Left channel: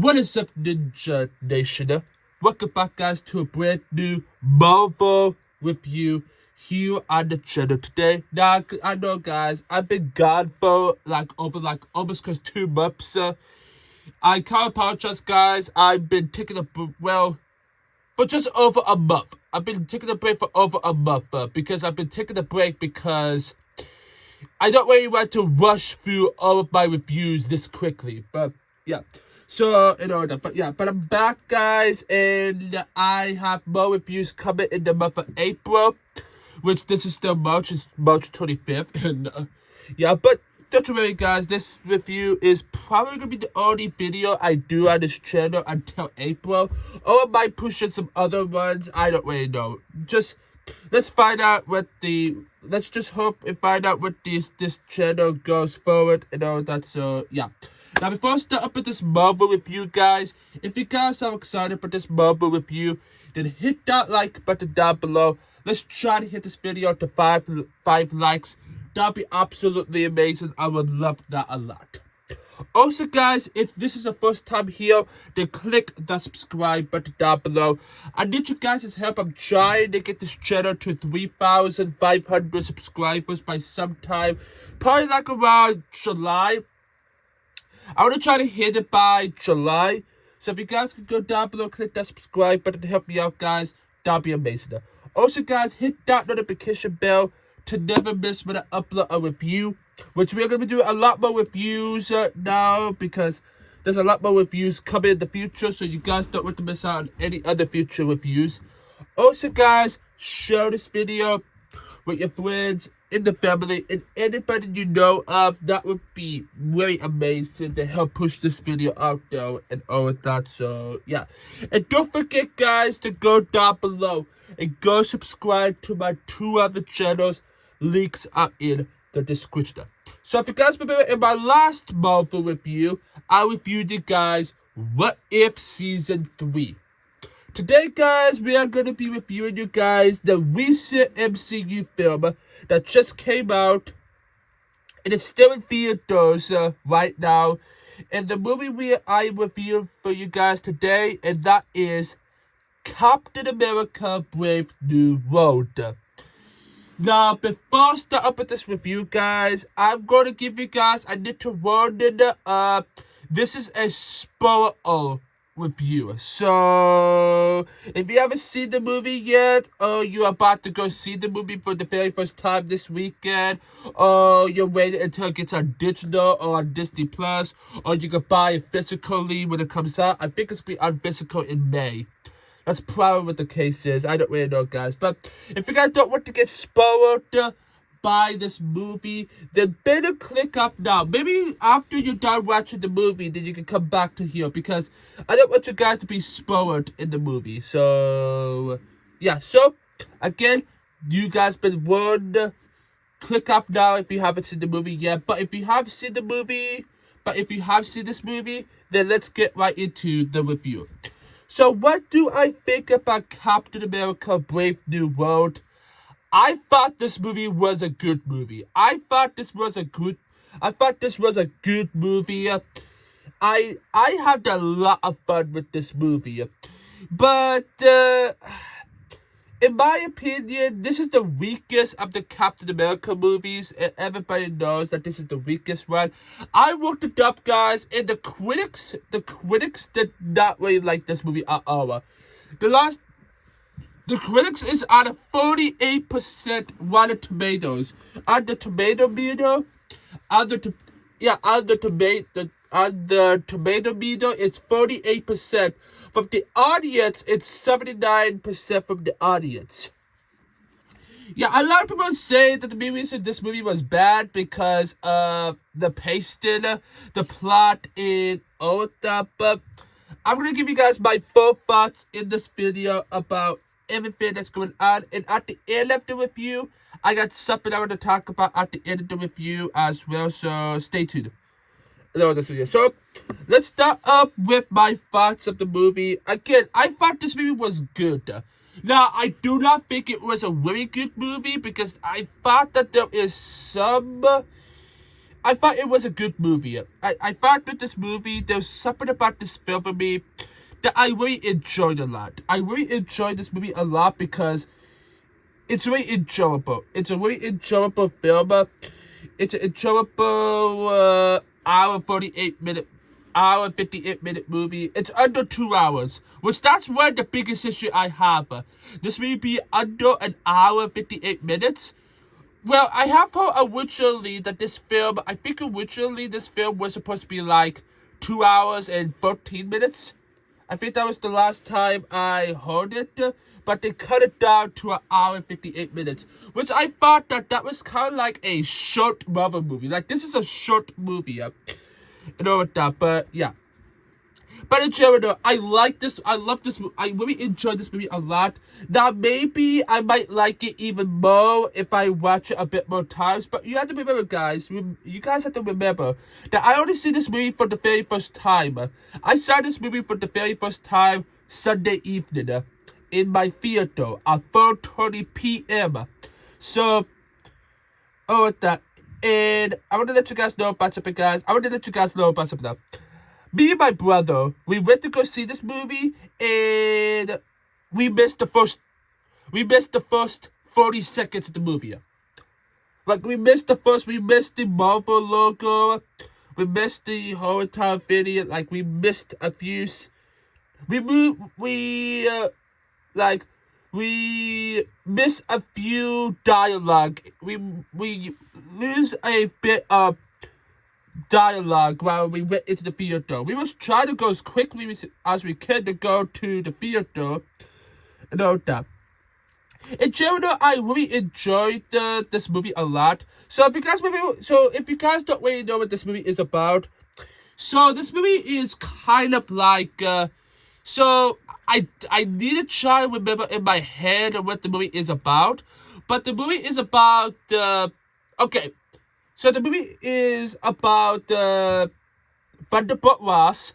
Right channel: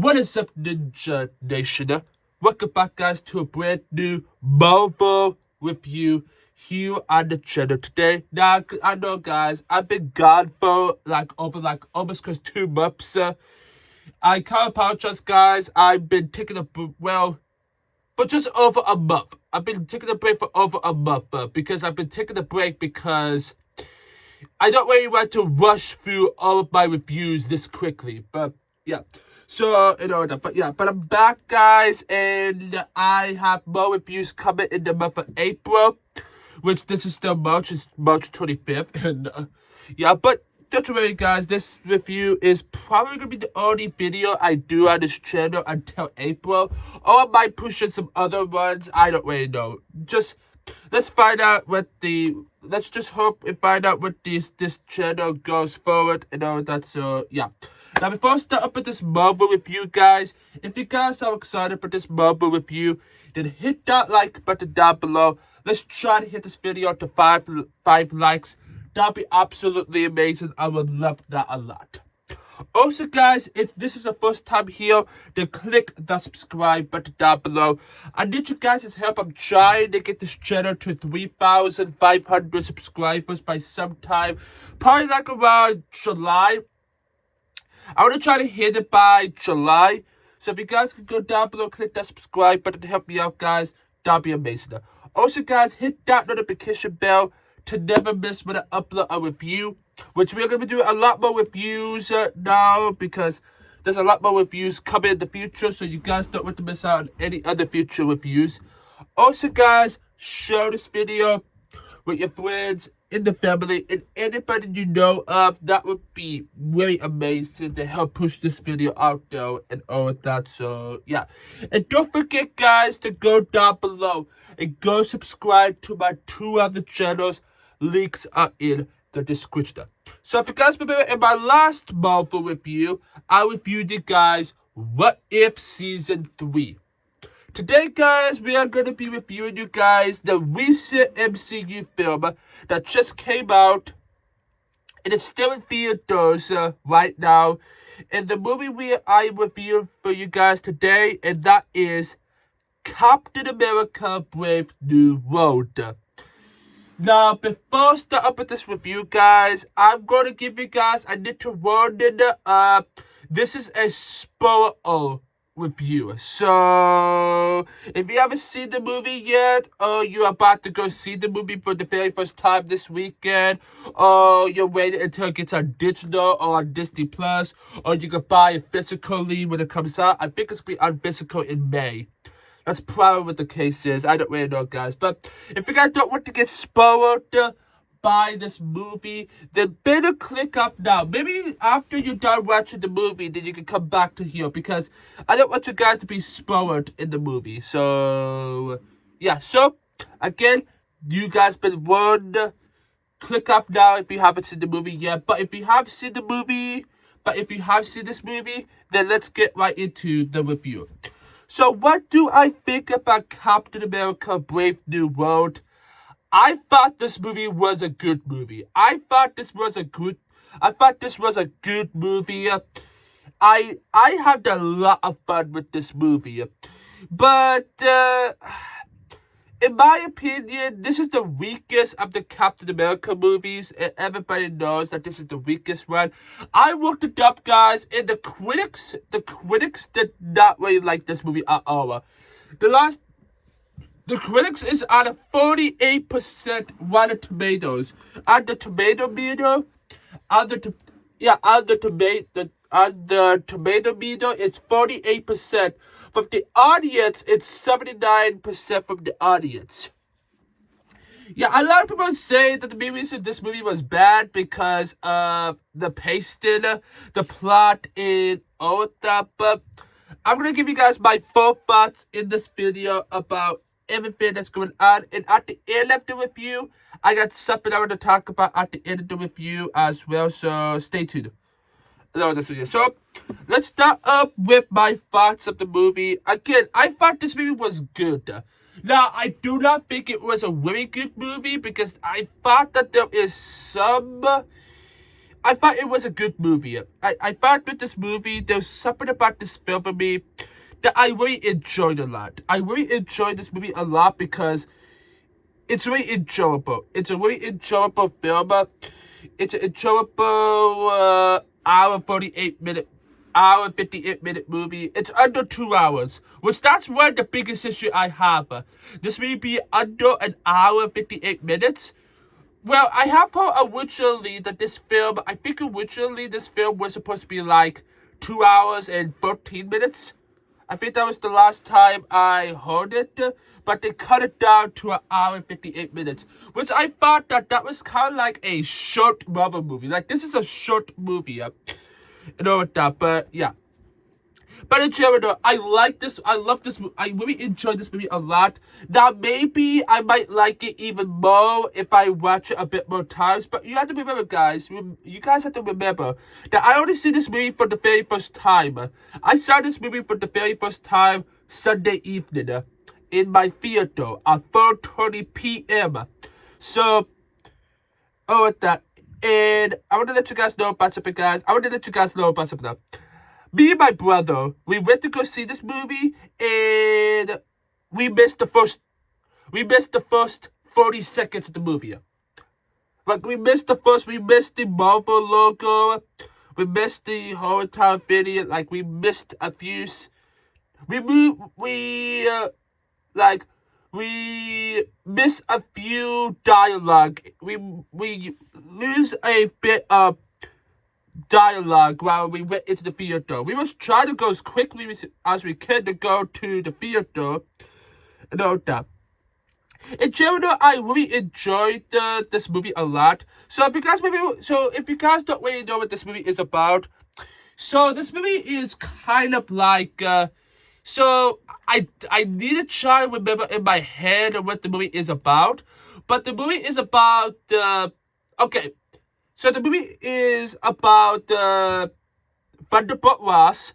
What is up, Ninja Nation? Welcome back, guys, to a brand new Marvel review here on the channel today. Now, I know, guys, I've been gone for over almost 2 months. I can't apologize, guys. I've been taking for just over a month. I've been taking a break for over a month because I've been taking a break because I don't really want to rush through all of my reviews this quickly. But yeah. So, but I'm back, guys, and I have more reviews coming in the month of April, which this is still March, it's March 25th, and, but don't worry, guys, this review is probably going to be the only video I do on this channel until April, or I might push in some other ones, I don't really know. Let's find out let's just hope and find out what this channel goes forward, and all that, so, yeah. Now, before I start up with this Marvel review, guys, if you guys are excited for this Marvel review, then hit that like button down below. Let's try to hit this video to five likes. That'd be absolutely amazing. I would love that a lot. Also, guys, if this is your first time here, then click the subscribe button down below. I need you guys' help. I'm trying to get this channel to 3,500 subscribers by sometime, probably like around July. I want to try to hit it by July. So if you guys can go down below, click that subscribe button to help me out, guys. That'd be amazing. Also, guys, hit that notification bell to never miss when I upload a review. Which we're going to be doing a lot more reviews now, because there's a lot more reviews coming in the future. So you guys don't want to miss out on any other future reviews. Also, guys, share this video with your friends, in the family, and anybody you know of. That would be very amazing to help push this video out there and all of that. So yeah, and don't forget, guys, to go down below and go subscribe to my 2 other channels. Links are in the description. So if you guys remember, in my last Marvel review, I reviewed you guys What If Season 3. Today, guys, we are going to be reviewing you guys the recent MCU film that just came out, and it's still in theaters right now. And the movie I reviewed for you guys today, and that is Captain America: Brave New World. Now, before I start up with this review, guys, I'm going to give you guys a little warning. This is a spoiler review. So, if you haven't seen the movie yet, or you're about to go see the movie for the very first time this weekend, or you're waiting until it gets on digital or on Disney Plus, or you can buy it physically when it comes out. I think it's going to be on physical in May. That's probably what the case is. I don't really know, guys. But if you guys don't want to get spoiled by this movie, then better click up now. Maybe after you're done watching the movie, then you can come back to here, because I don't want you guys to be spoiled in the movie. So, yeah. So, again, you guys been warned. Click up now if you haven't seen the movie yet. But if you have seen the movie, this movie, then let's get right into the review. So, what do I think about Captain America: Brave New World? I thought this movie was a good movie. I thought this was a good movie. I had a lot of fun with this movie. But in my opinion, this is the weakest of the Captain America movies, and everybody knows that this is the weakest one. I looked it up, guys, and the critics did not really like this movie at all. The critics is at a 48% Rotten Tomatoes. On the tomato meter, tomato meter, it's 48%. From the audience, it's 79% from the audience. Yeah, a lot of people say that this movie was bad because of the pacing, the plot, and all of that. But I'm going to give you guys my full thoughts in this video about everything that's going on. And at the end of the review, I got something I want to talk about at the end of the review as well. So stay tuned. So let's start up with my thoughts of the movie. Again, I thought this movie was good. Now, I do not think it was a really good movie, because I thought that there is some I thought it was a good movie. I thought that this movie, there's something about this film for me that I really enjoyed a lot. I really enjoyed this movie a lot because it's really enjoyable. It's a really enjoyable film. It's an enjoyable hour 48 minute, hour 58 minute movie. It's under 2 hours, which that's one of the biggest issue I have. This movie be under an hour 58 minutes. Well, I have heard originally that this film, I think originally this film was supposed to be like 2 hours and 13 minutes. I think that was the last time I heard it, but they cut it down to an hour and 58 minutes, which I thought that was kind of like a short Marvel movie. Like, this is a short movie, and all of that, but yeah. But in general, I like this. I love this movie. I really enjoyed this movie a lot. Now, maybe I might like it even more if I watch it a bit more times. But you have to remember, guys. You guys have to remember that I only see this movie for the very first time. I saw this movie for the very first time Sunday evening in my theater at 4:30 p.m. So, with that. And I want to let you guys know about something, guys. Me and my brother, we went to go see this movie, and we missed the first 40 seconds of the movie. Like, we missed the Marvel logo, we missed the whole entire video, like, we missed a few, we miss a few dialogue, we lose a bit of dialogue while we went into the theater. We was trying to go as quickly as we could to go to the theater and all that. In general, I really enjoyed this movie a lot. So if you guys don't really know what this movie is about, so this movie is kind of like so I need to try and remember in my head what the movie is about, but the movie is about okay. So the movie is about Thunderbolt Ross,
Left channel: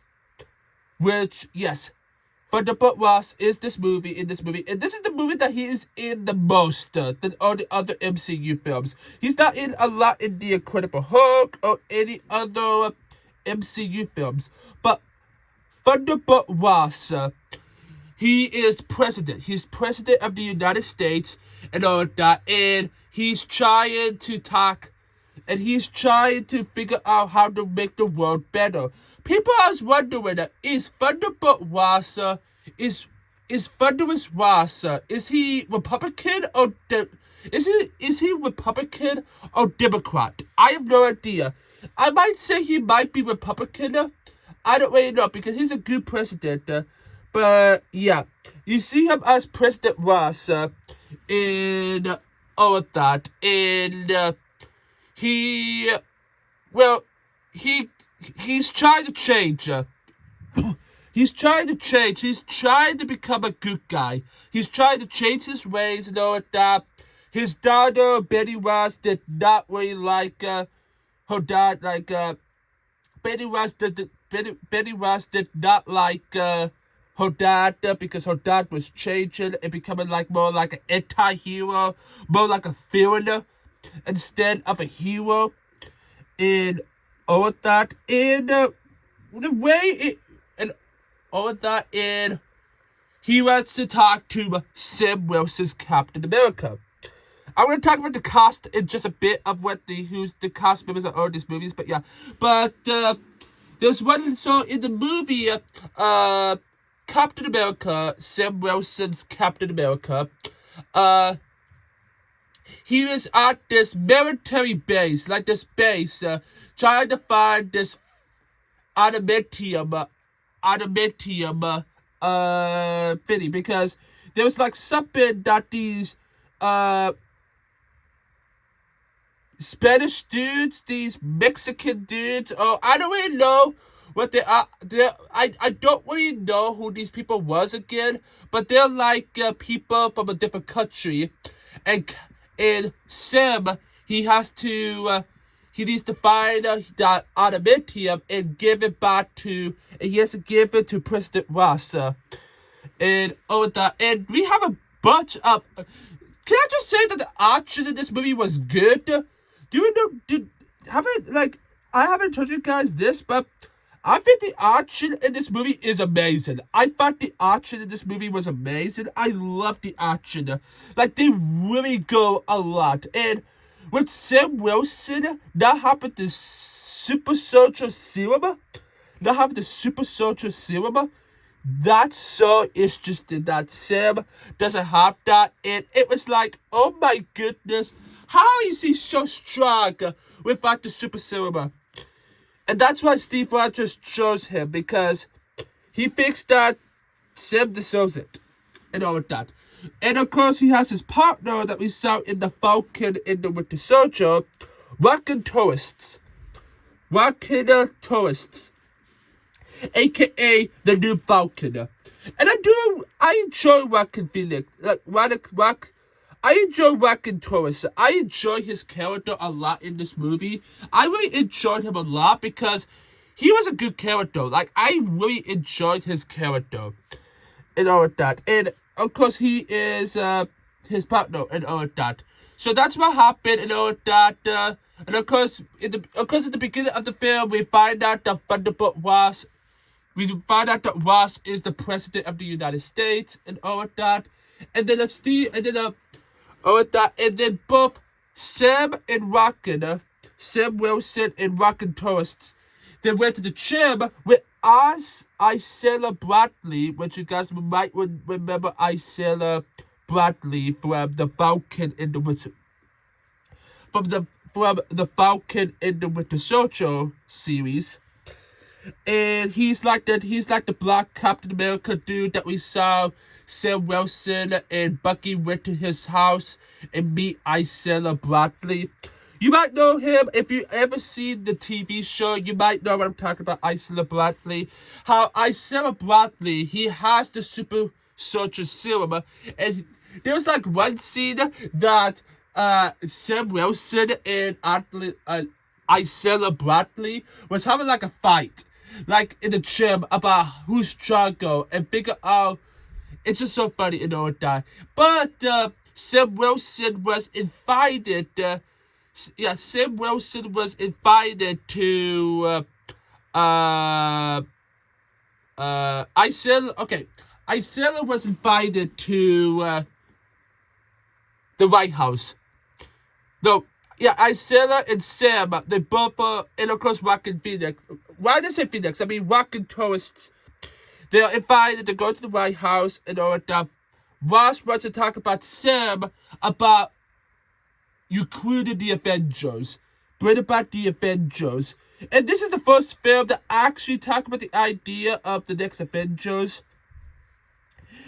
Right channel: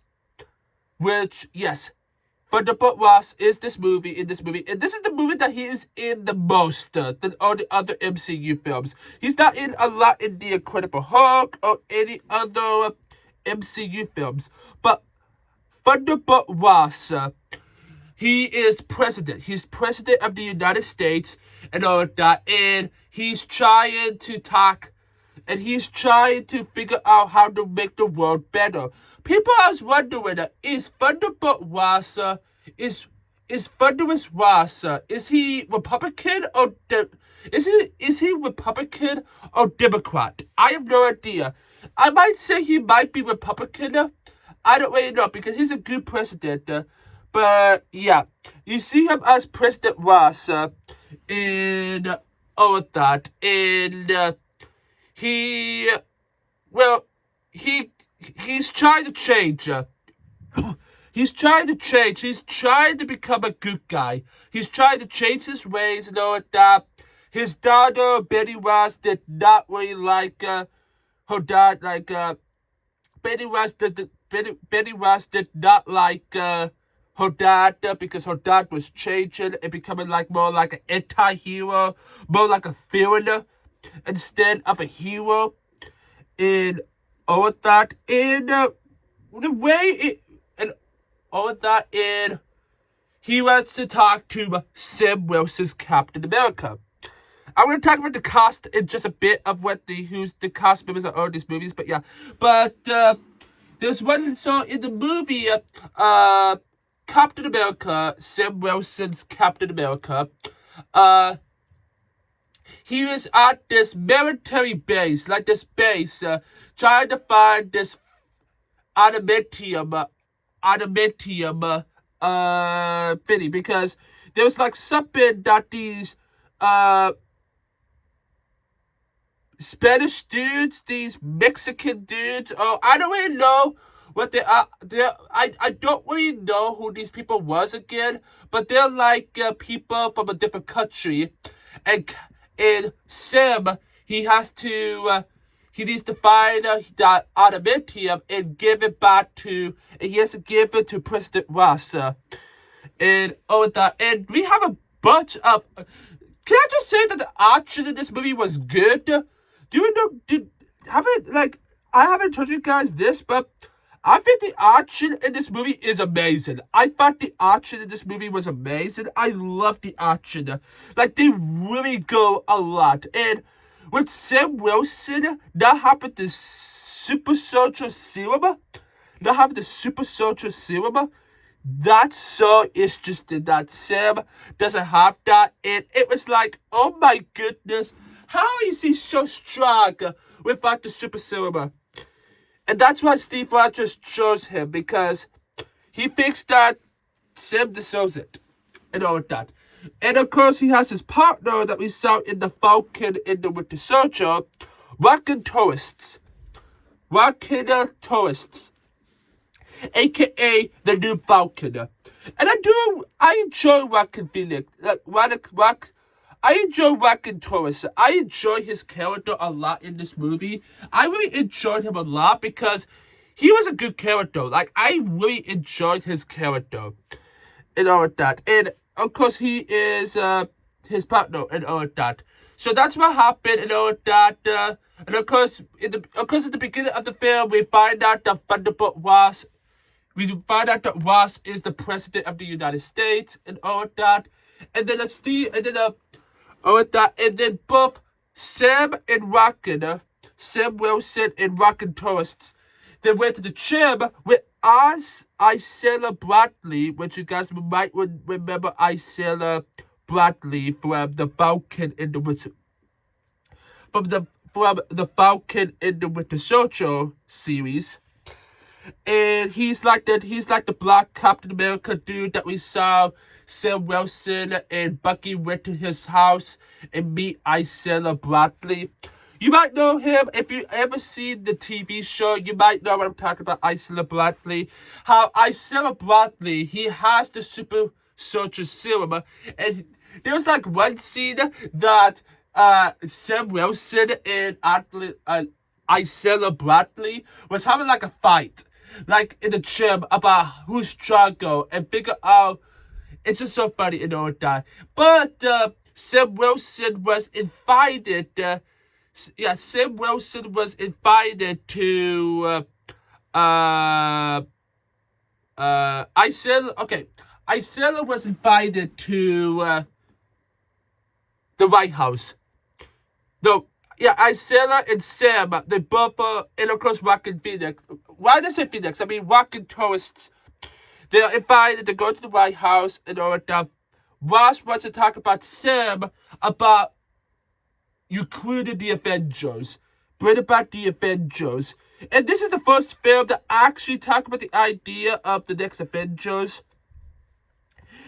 which, yes, Thunderbolt Ross is in this movie, and this is the movie that he is in the most than all the other MCU films. He's not in a lot in the Incredible Hulk or any other MCU films, but Thunderbolt Ross, he is president. He's president of the United States and all that, and he's trying to talk. And he's trying to figure out how to make the world better. People are wondering, is Thunderbolt Ross, is Thunderous Ross, is he Republican or is he Republican or Democrat? I have no idea. I might say he might be Republican. I don't really know because he's a good president. But yeah, you see him as President Ross, and all of that, and he's trying to change. He's trying to change. He's trying to become a good guy. He's trying to change his ways and all that. His daughter, Betty Ross, did not really like her dad. Like, Betty Ross did not like her dad because her dad was changing and becoming like more like an anti-hero, more like a villain instead of a hero, and all of that, and the way it, and all of that, and he wants to talk to Sam Wilson's Captain America. I'm going to talk about the cast in just a bit of who's the cast members of all these movies, but yeah, but there's one, so in the movie, Captain America, Sam Wilson's Captain America, he was at this military base, trying to find this adamantium thing, because there was like something that these Spanish dudes, these Mexican dudes, I don't really know what they are. I don't really know who these people was again, but they're like people from a different country, and Sam, he needs to find that adamantium and give it back to, and he has to give it to President Ross, and all that, and we have a bunch of, can I just say that the action in this movie was good? Do you know, I haven't told you guys this, but I think the action in this movie is amazing. I thought the action in this movie was amazing. I love the action. Like, they really go a lot. And with Sam Wilson not having the super soldier serum, that's so interesting that Sam doesn't have that. And it was like, oh my goodness, how is he so strong without the super serum? And that's why Steve Rogers chose him, because he thinks that Sam deserves it and all that. And of course, he has his partner that we saw in the Falcon in the Winter Soldier, Rockin' Tourists. AKA the new Falcon. And I enjoy Rockin' Phoenix. I enjoy Rockin' Tourists. I enjoy his character a lot in this movie. I really enjoyed him a lot because he was a good character. Like, I really enjoyed his character and all of that. And of course, he is his partner and all of that. So that's what happened and all of that. And of course, at the beginning of the film, we find out that Ross is the president of the United States and all of that. And then and then both Sam Wilson and Rockin' Tourists, they went to the gym with Isella Bradley, which you guys might remember Isella Bradley from the Falcon in the Winter, from the Falcon in the Winter Soldier series. And he's like the black Captain America dude that we saw Sam Wilson and Bucky went to his house and meet Isella Bradley. You might know him if you ever seen the TV show. You might know what I'm talking about, Isella Bradley. How Isella Bradley, he has the super soldier serum. And there was like one scene that Sam Wilson and Isella Bradley was having like a fight, like in the gym, about who's stronger and figure out. It's just so funny and all that. But Sam Wilson was invited. Sam Wilson was invited to Isella was invited to the White House. No, yeah, Isella and Sam, they both and of course Rockin' Phoenix. Why did I say Phoenix? I mean Rockin' Tourists. They're invited to go to the White House and all that. Ross wants to talk about Sam about including the Avengers. Bring about the Avengers. And this is the first film that actually talk about the idea of the next Avengers.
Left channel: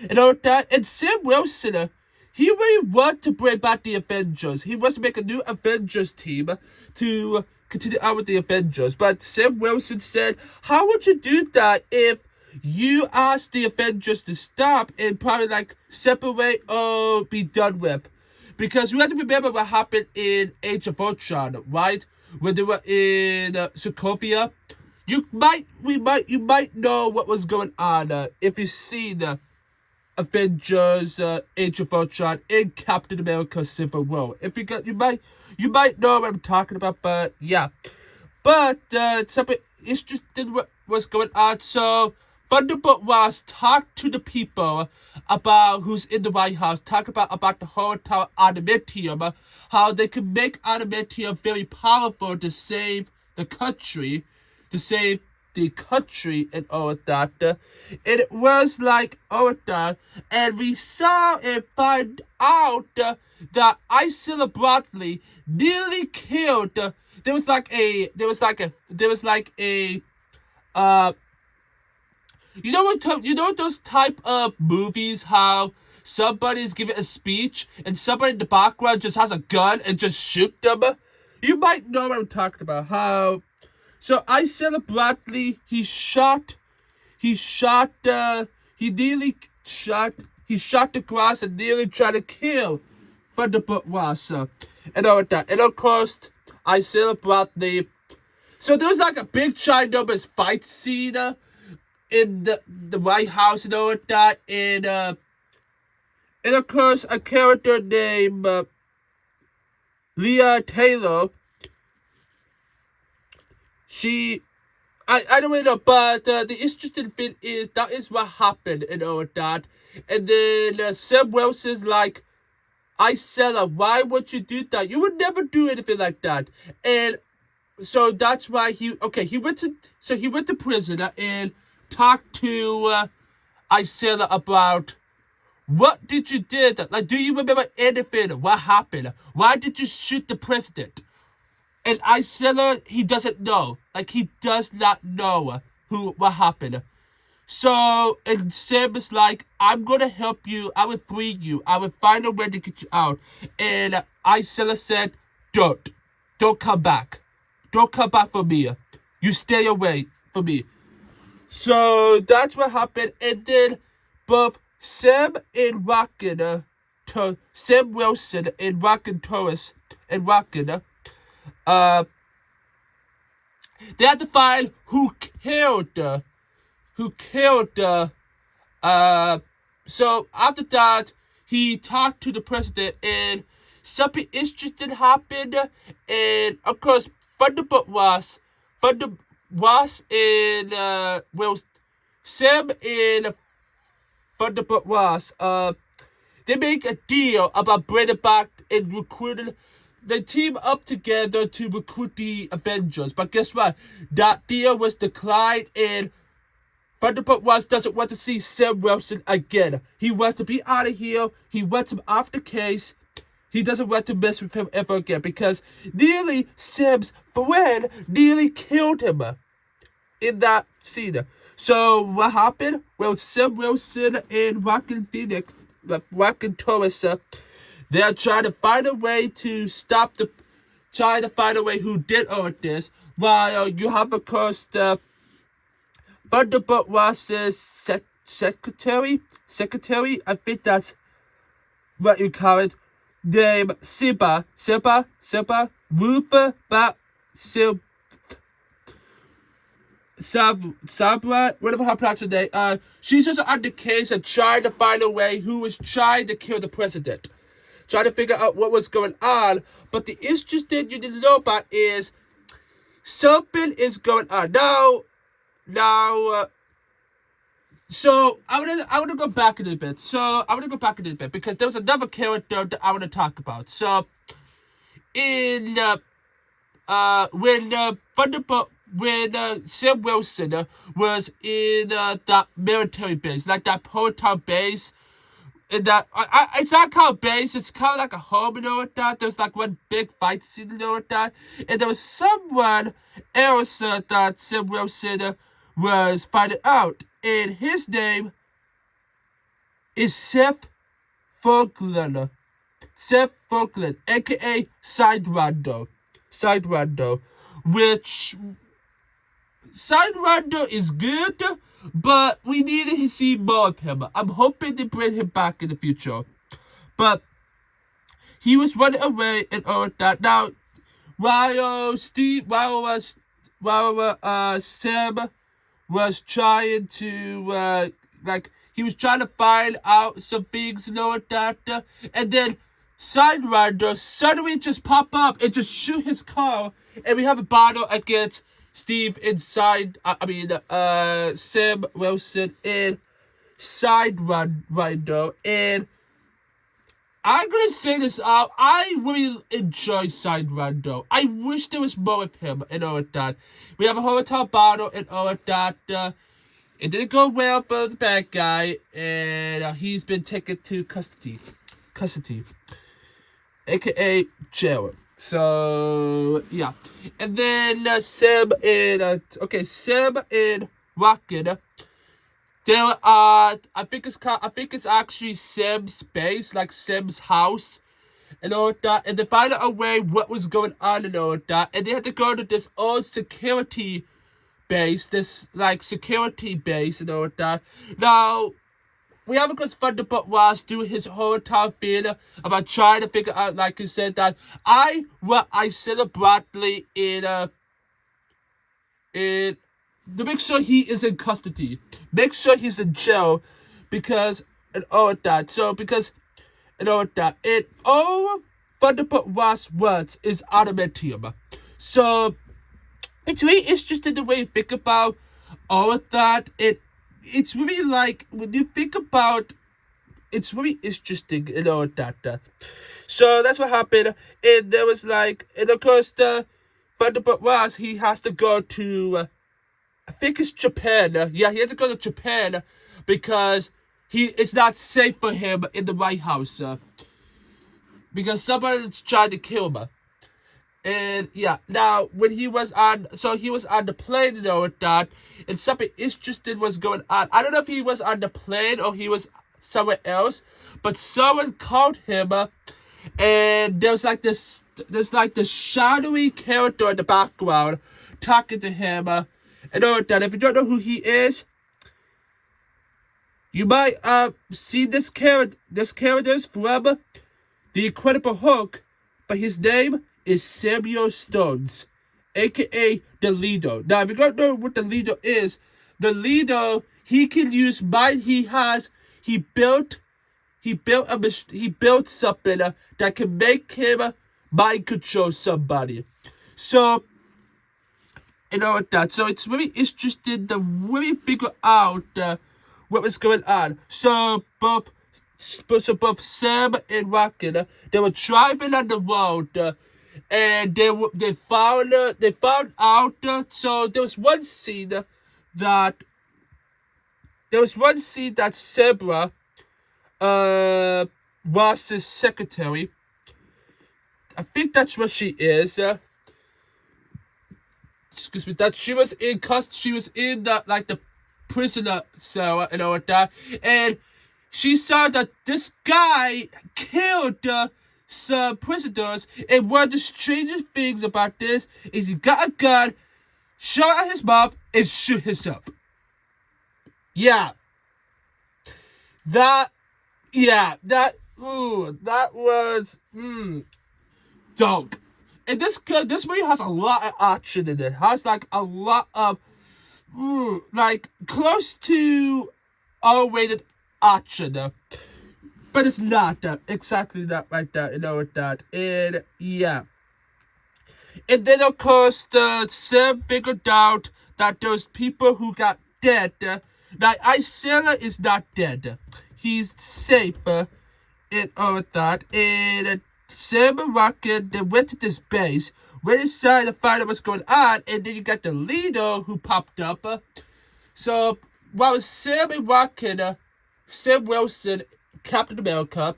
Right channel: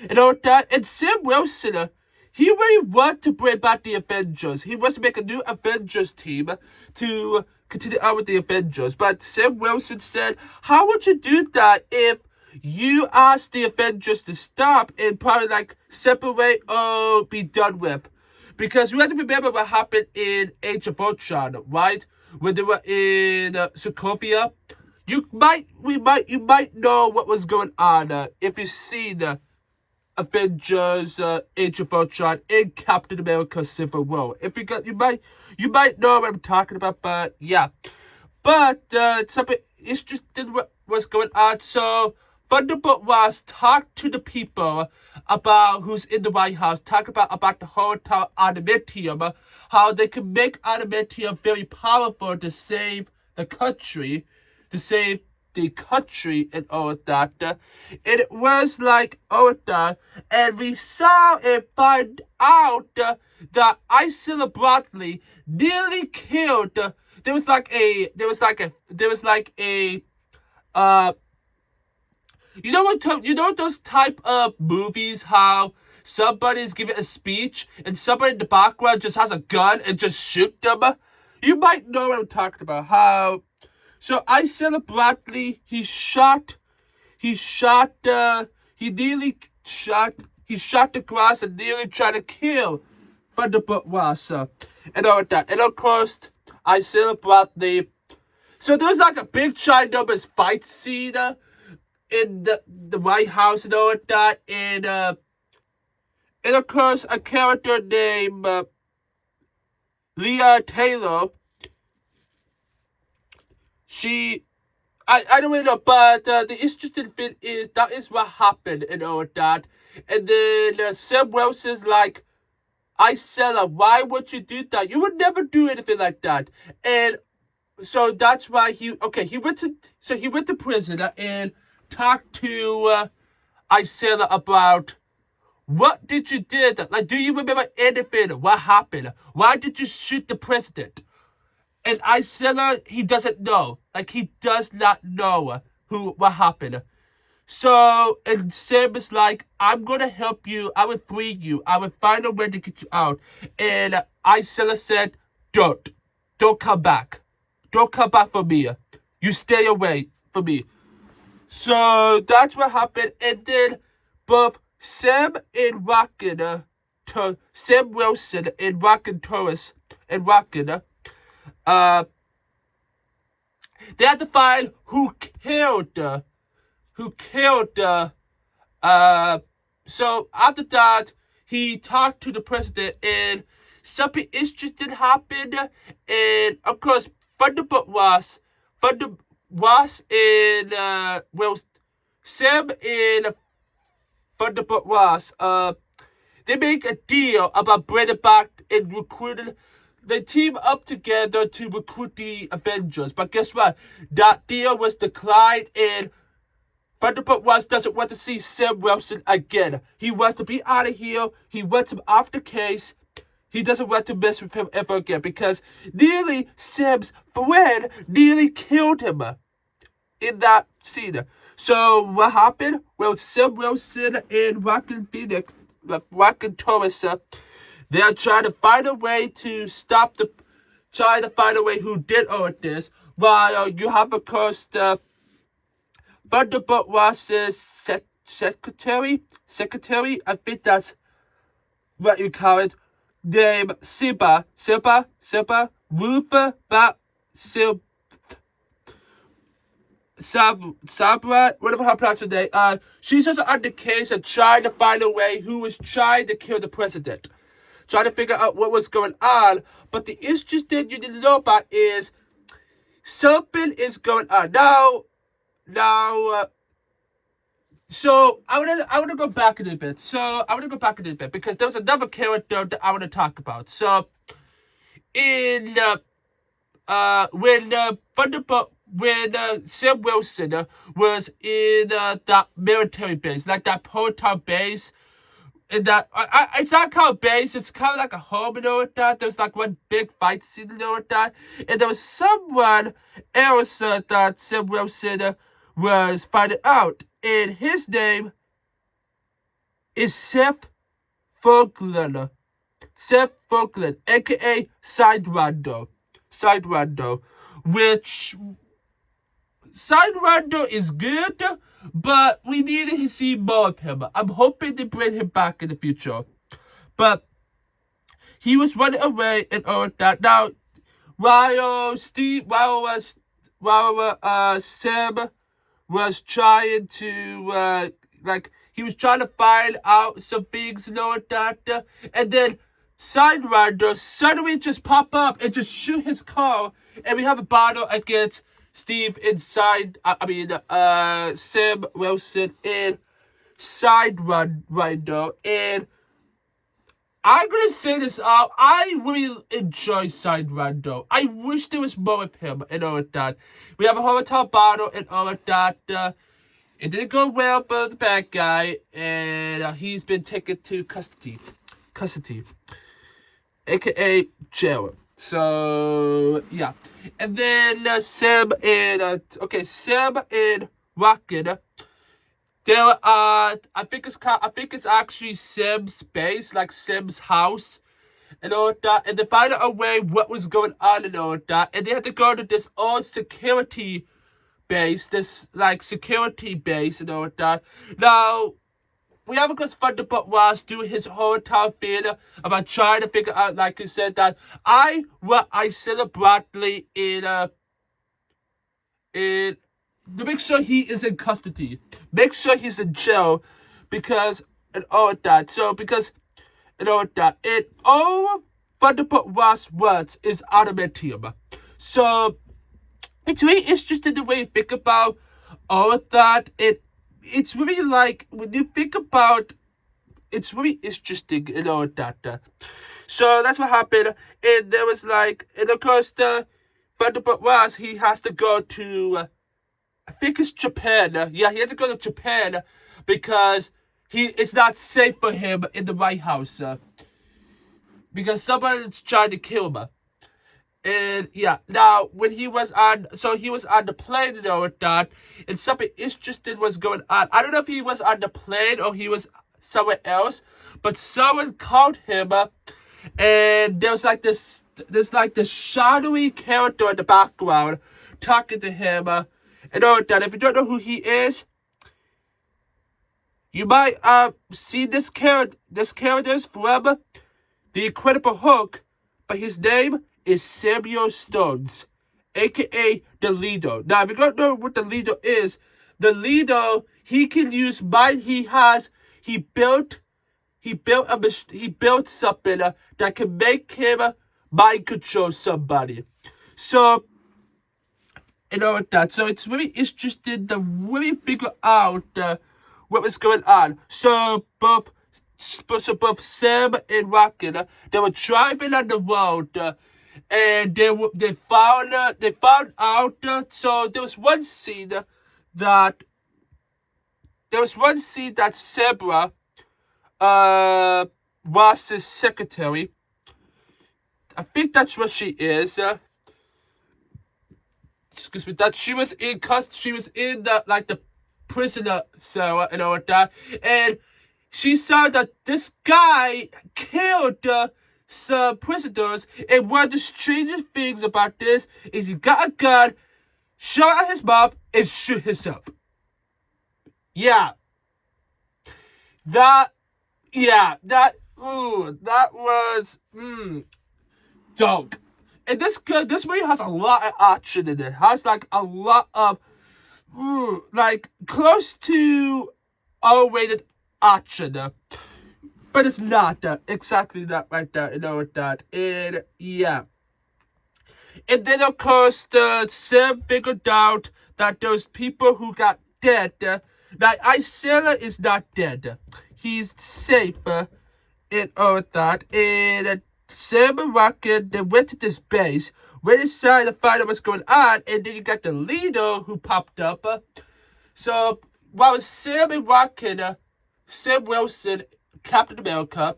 And all that. And Sam Wilson, he really wanted to bring back the Avengers. He wants to make a new Avengers team to continue on with the Avengers. But Sam Wilson said, how would you do that if you ask the Avengers to stop and probably like separate or be done with? Because you have to remember what happened in Age of Ultron, right? When they were in Sokovia. You might know what was going on if you've seen Avengers Age of Ultron and Captain America Civil War. If you might know what I'm talking about, but yeah. But it's just what was going on. So Thunderbolt Ross talked to the people about who's in the White House, talk about the whole entire adamantium, how they can make adamantium very powerful to save the country, and all of that. And it was like all of that. And we saw and find out that Isella Bradley nearly killed. There was like a you know those type of movies how somebody's giving a speech and somebody in the background just has a gun and just shoot them? You might know what I'm talking about. How so Isella Bradley, he shot the grass and nearly tried to kill Thunderbolt Ross and all that. And of course Isella Bradley, so there was like a big ginormous fight scene in the White House and all that, and of course a character named Leah Taylor, I don't really know, but the interesting thing is that is what happened and all that. And then Sam Wilson's like, I said, why would you do that? You would never do anything like that. And so that's why he went to prison and talked to Isaiah about what did you did. Like, do you remember anything? What happened? Why did you shoot the president? And Isaiah, he doesn't know. Like, he does not know what happened. So, and Sam is like, I'm gonna help you. I will free you. I will find a way to get you out. And Isaiah said, don't come back. Don't come back for me. You stay away from me. So that's what happened. And then both Sam and Rockin, Sam Wilson and Rockin Torres and Rockin, they had to find who killed. So after that, he talked to the president, and something interesting happened. And of course, Thunderbolt was in Sam and Thunderbolt was they make a deal about bringing back and recruiting. They team up together to recruit the Avengers, but guess what? That deal was declined, and Thunderbolt Ross doesn't want to see Sam Wilson again. He wants to be out of here. He wants him off the case. He doesn't want to mess with him ever again because nearly Sam's friend nearly killed him in that scene. So what happened? Well, Sam Wilson and Rockin' Torres, they're trying to find a way to trying to find a way who did all of this. While you have, of course, the Thunderbolt Ross's secretary, I think that's what you call it, named Sabra, whatever her pronounce her name. She's just on the case and trying to find a way who was trying to kill the president. Trying to figure out what was going on. But the interesting you didn't know about is something is going on. Now, so I want to go back a little bit. Because there was another character that I want to talk about. So, when Sam Wilson was in that military base, like that Proton base, and that it's not called base, it's kind of like a home, that. There was like one big fight scene, that. And there was someone else that Sam Wilson was fighting out, and his name is Seth Falkland, aka Side Rondo, which Side Rondo is good, but we need to see more of him. I'm hoping to bring him back in the future. But he was running away and all that. Now, while Sam was trying to, he was trying to find out some things and all that, and then Side Rider suddenly just pop up and just shoot his car, and we have a battle against Steve inside, Sam Wilson and Side Rider, and I'm gonna say this out. I really enjoy Side Rider. I wish there was more of him and all of that. We have a hotel battle and all of that. It didn't go well for the bad guy, and he's been taken to custody, aka jail. So yeah, and then Sam and Rocket. There I think it's actually Sam's base, like Sam's house, and all that. And they found out a way what was going on and all that. And they had to go to this old security base, and all that. Now, we have, of course, Thunderbolt Ross do his whole entire thing about trying to figure out, like he said, that I said Bradley to make sure he is in custody. Make sure he's in jail because and all that. And all Thunderbolt Ross wants is adamantium. So it's really interesting the way you think about all of that. It's really like when you think about it's really interesting, that. So that's what happened. And there was like, and of course the Thunderbolt was he has to go to I think it's Japan. Yeah, he had to go to Japan because it's not safe for him in the White House because someone's trying to kill him. And yeah, now when he was on the plane, with that, and something interesting was going on. I don't know if he was on the plane or he was somewhere else, but someone called him and there's like this shadowy character in the background talking to him. And all that. If you don't know who he is, you might see this character from The Incredible Hulk, but his name is Samuel Stones, aka the Leader. Now, if you don't know what the Leader is, the Leader he can use mind. He built something that can make him mind control somebody. So that. So it's really interesting to really figure out what was going on. So both Sam and Rocket, they were driving on the road, and they found out. So there was one scene that Sabra was his secretary. I think that's what she is. Excuse me, that she was in the prisoner cell and all that, and she saw that this guy killed some prisoners, and one of the strangest things about this is he got a gun, shot at his mouth, and shoot himself. Yeah. That was, dog. And this movie has a lot of action in it. It has like a lot of like close to R-rated action, but it's not exactly that right there. That. And yeah, and then of course Sam figured out that those people who got dead, that Isaiah is not dead. He's safe and all that. And Sam and Rocket, they went to this base, went inside to find out what's going on, and then you got the Leader who popped up. So while Sam and Rocket, Sam Wilson, Captain America,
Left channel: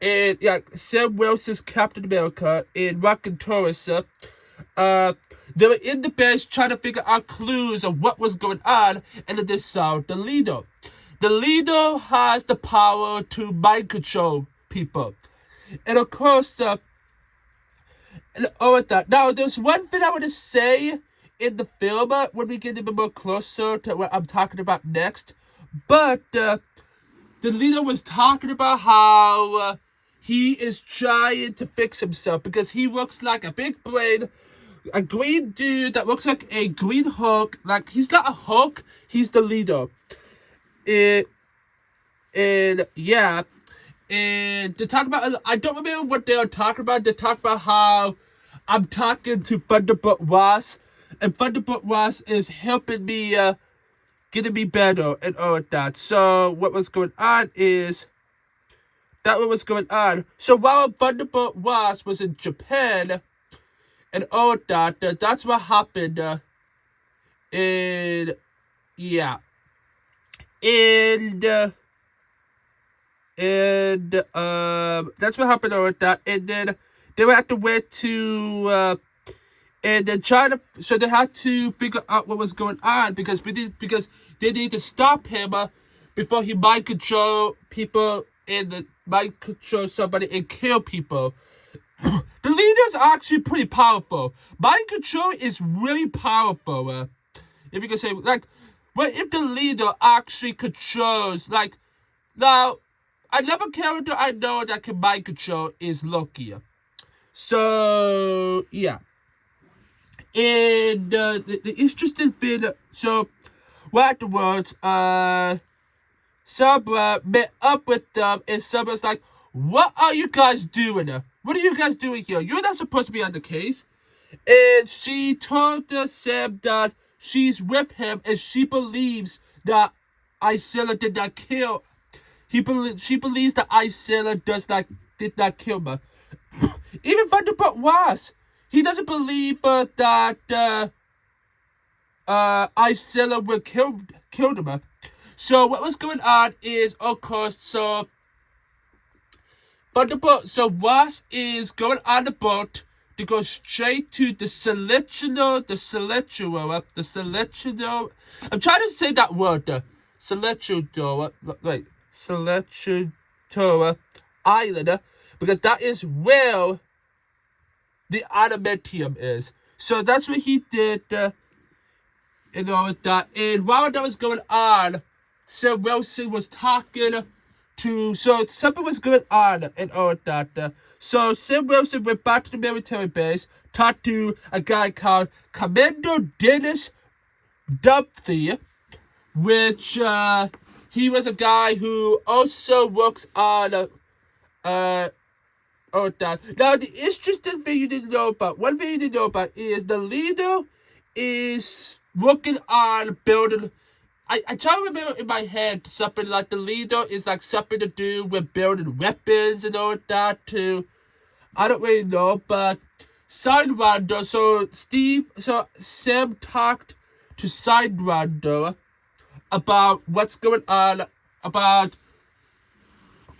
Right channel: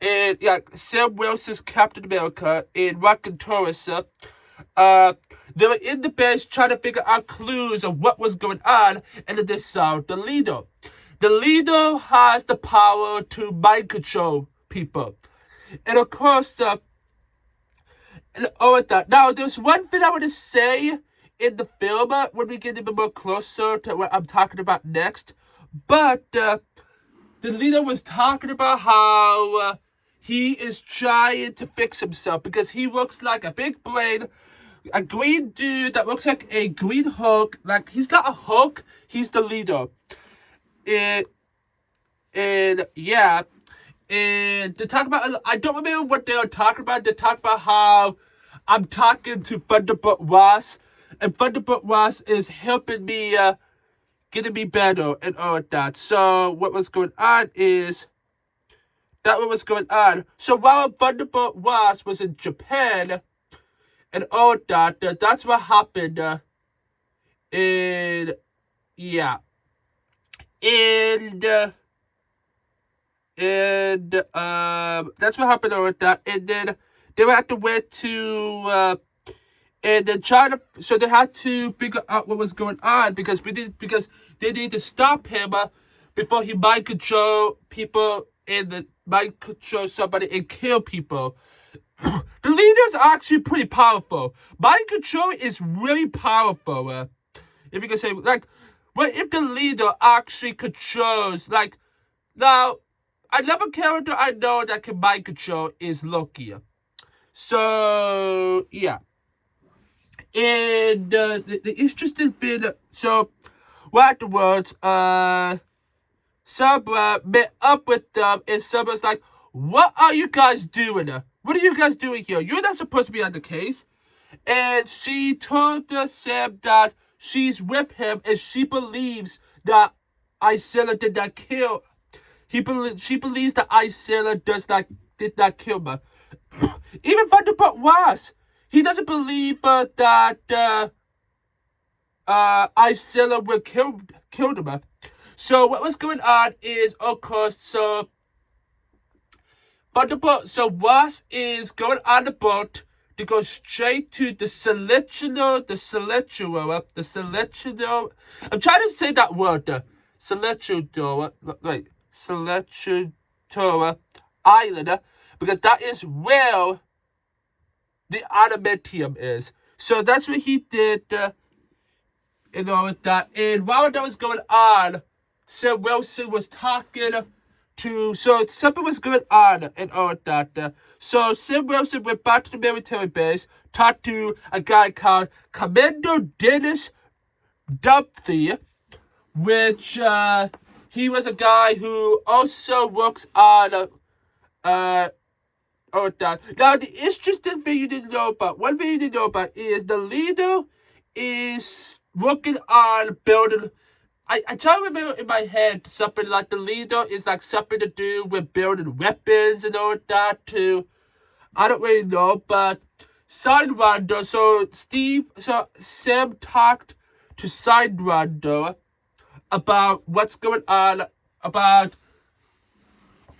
and Sam Wilson's Captain America and Rocket Taurus, they were in the base trying to figure out clues of what was going on, and then they saw the Leader. The Leader has the power to mind control people. And of course, and all of that. Now, there's one thing I want to say in the film when we get a bit more closer to what I'm talking about next. But the Leader was talking about how he is trying to fix himself because he looks like a big brain, a green dude that looks like a green Hulk. Like, he's not a Hulk, he's the Leader. And yeah. And they talk about, I don't remember what they were talking about. They talk about how I'm talking to Thunderbolt Ross, and Thunderbolt Ross is helping me, getting me better and all of that. So what was going on is, So while Thunderbolt Ross was in Japan and all of that, that's what happened. And yeah. And that's what happened with that. And then they were at the way to and then so they had to figure out what was going on because they need to stop him before he mind control people and mind control somebody and kill people. The Leader's actually pretty powerful. Mind control is really powerful. If you can say, like, well, if the Leader actually controls, like, now, another character I know that can mind control is Loki. So, yeah. And the interesting thing, so, afterwards, Sabra met up with them, and Sabra's like, what are you guys doing? What are you guys doing here? You're not supposed to be on the case. And she told Sam that she's with him and she believes that Isilla did not kill. She believes that Isilla did not kill her. Even Vanderbilt was. He doesn't believe that Isilla would killed him. So what was going on is, of course, so Ross is going on the boat to go straight to the Celestial. I'm trying to say that word, Celestial, right? Celestial Island, because that is where the adamantium is. So that's what he did, that. And while that was going on, Sam Wilson was talking so something was going on and all that. So Sam Wilson went back to the military base, talked to a guy called Commander Dennis Dupthy, which he was a guy who also works on all that. Now the interesting thing you didn't know about, one thing you didn't know about is the leader is working on building. I try to remember in my head something like the leader is like something to do with building weapons and all that too. I don't really know, but Sidewinder, so Sam talked to Sidewinder about what's going on, about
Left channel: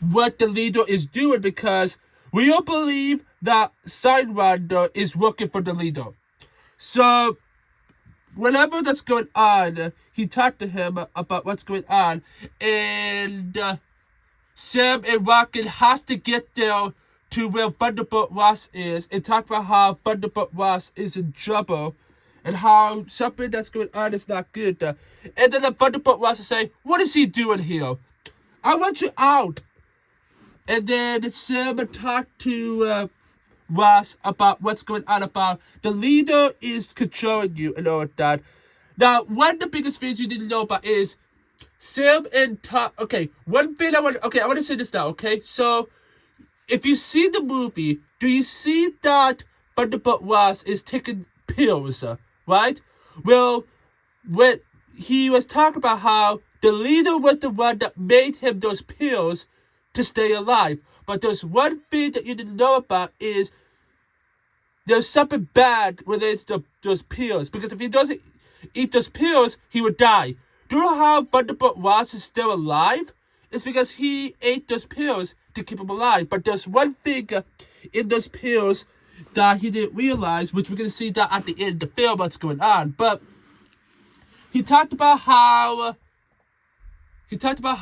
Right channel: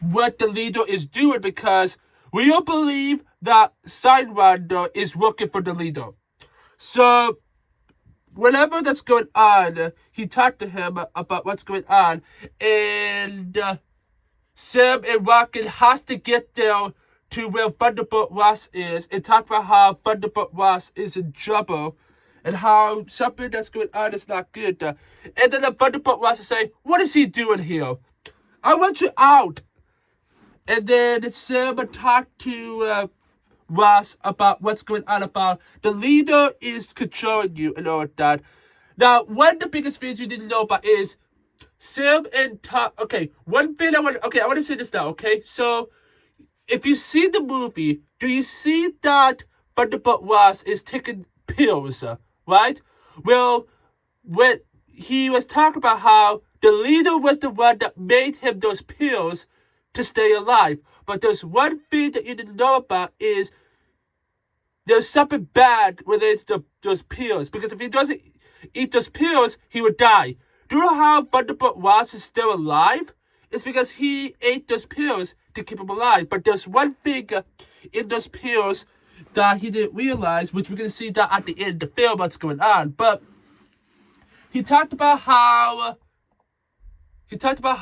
what the leader is doing, because we all believe that Sidewinder is working for the leader. So whatever that's going on, he talked to him about what's going on, and Sam and Rocket has to get there to where Thunderbolt Ross is and talk about how Thunderbolt Ross is in trouble and how something that's going on is not good. And then the Thunderbolt Ross will say, "What is he doing here? I want you out." And then Sam talked to Ross about what's going on, about the leader is controlling you and all that. Now, one of the biggest things you didn't know about is Sam and one thing I want to say this now, okay? So, if you see the movie, do you see that Thunderbolt Ross is taking pills, right? Well, when he was talking about how the leader was the one that made him those pills to stay alive. But there's one thing that you didn't know about is there's something bad related to those pills. Because if he doesn't eat those pills, he would die. Do you know how Thunderbolt Ross is still alive? It's because he ate those pills to keep him alive. But there's one thing in those pills that he didn't realize, which we're going to see that at the end of the film, what's going on. But he talked about how Thunderbolt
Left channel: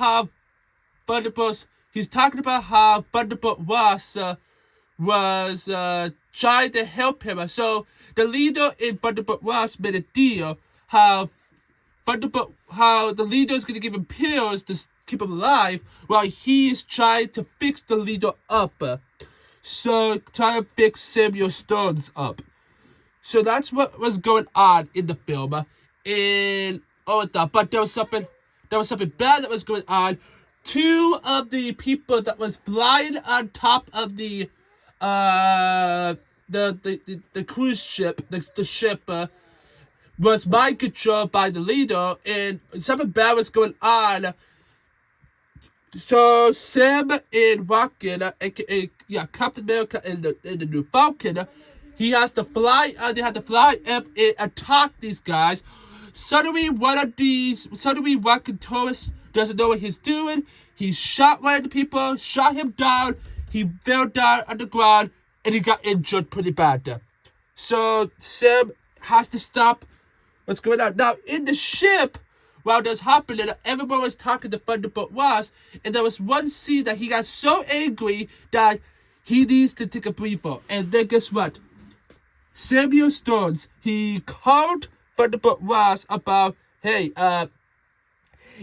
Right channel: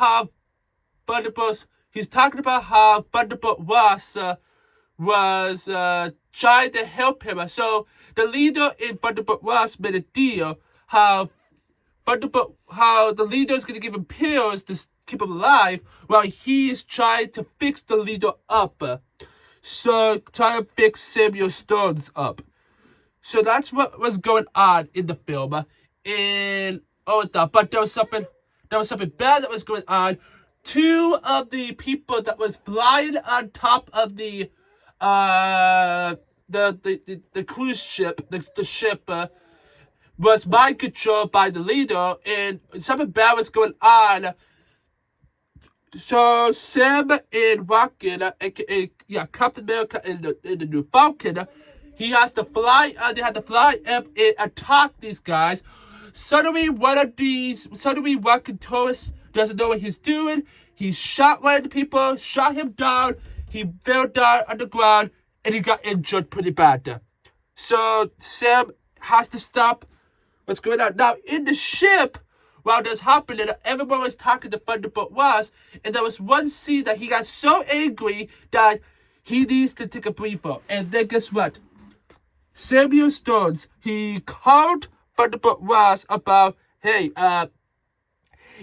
Ross was trying to help him. So the leader in Thunderbolt Ross made a deal how the leader is going to give him pills to keep him alive while he is trying to fix the leader up. So trying to fix Samuel Stones up. So that's what was going on in the film. But there was something bad that was going on. Two of the people that was flying on top of the cruise ship, the ship, was mind controlled by the leader, and something bad was going on. So Sam and Rocket, aka Captain America and the New Falcon, they had to fly up and attack these guys. Suddenly Rocket tourist doesn't know what he's doing. He shot one of the people, shot him down. He fell down on the ground, and he got injured pretty bad. So Sam has to stop what's going on. Now, in the ship, while this happening, everyone was talking to Thunderbolt Ross, and there was one scene that he got so angry that he needs to take a breather. And then guess what? Samuel Stones, he called Thunderbolt Ross about, hey,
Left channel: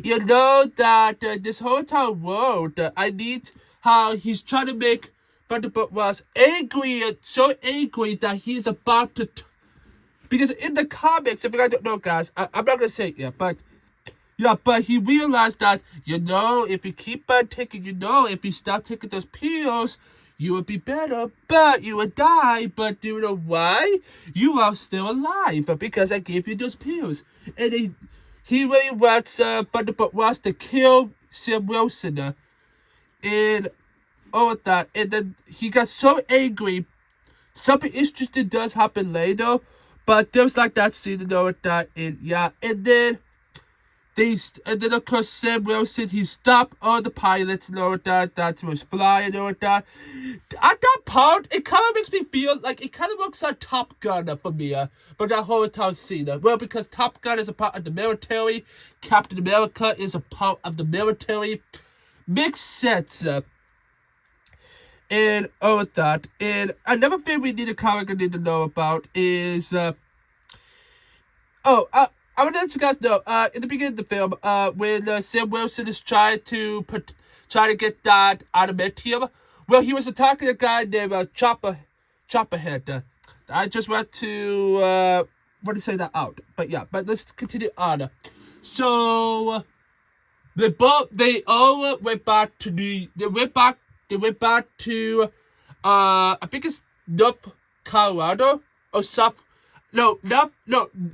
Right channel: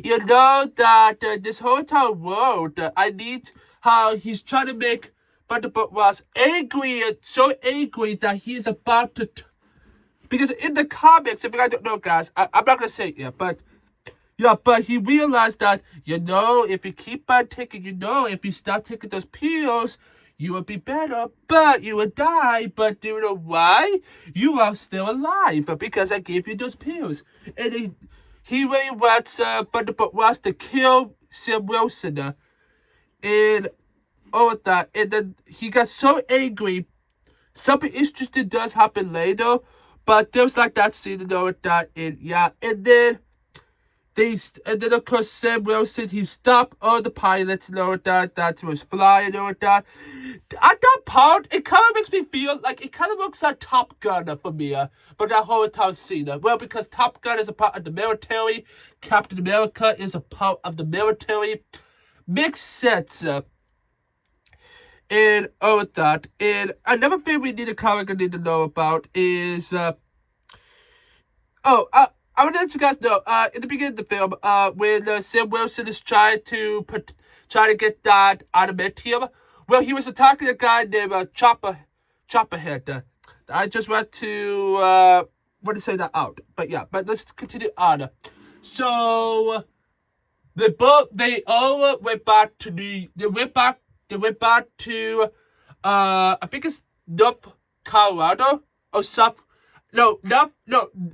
you know that this whole entire world, I need how he's trying to make Thunderbolt Ross angry, and so angry that he's about to... Because in the comics, if you guys don't know, guys, I'm not going to say it yet, but he realized that, if you keep on taking, if you stop taking those pills, You would be better, but you would die. But do you know why? You are still alive because I gave you those pills. And he really wants Thunderbolt wants to kill Sam Wilson. And all of that. And then he got so angry. Something interesting does happen later. But there's like that scene and all of that. And yeah. And then of course Sam Wilson, he stopped all the pilots and all of that was flying and all of that. At that part, it kind of makes me feel like it kind of looks like Top Gun for me, for that whole entire scene. Well, because Top Gun is a part of the military, Captain America is a part of the military. Makes sense. And all of that. And another thing we need to know about is I want to let you guys know, in the beginning of the film, when Sam Wilson is trying to get that adamantium, well, he was attacking a guy named Chopperhead. I just want to say that out, but yeah, but let's continue on. So they all went back to I think it's North Colorado or South. No,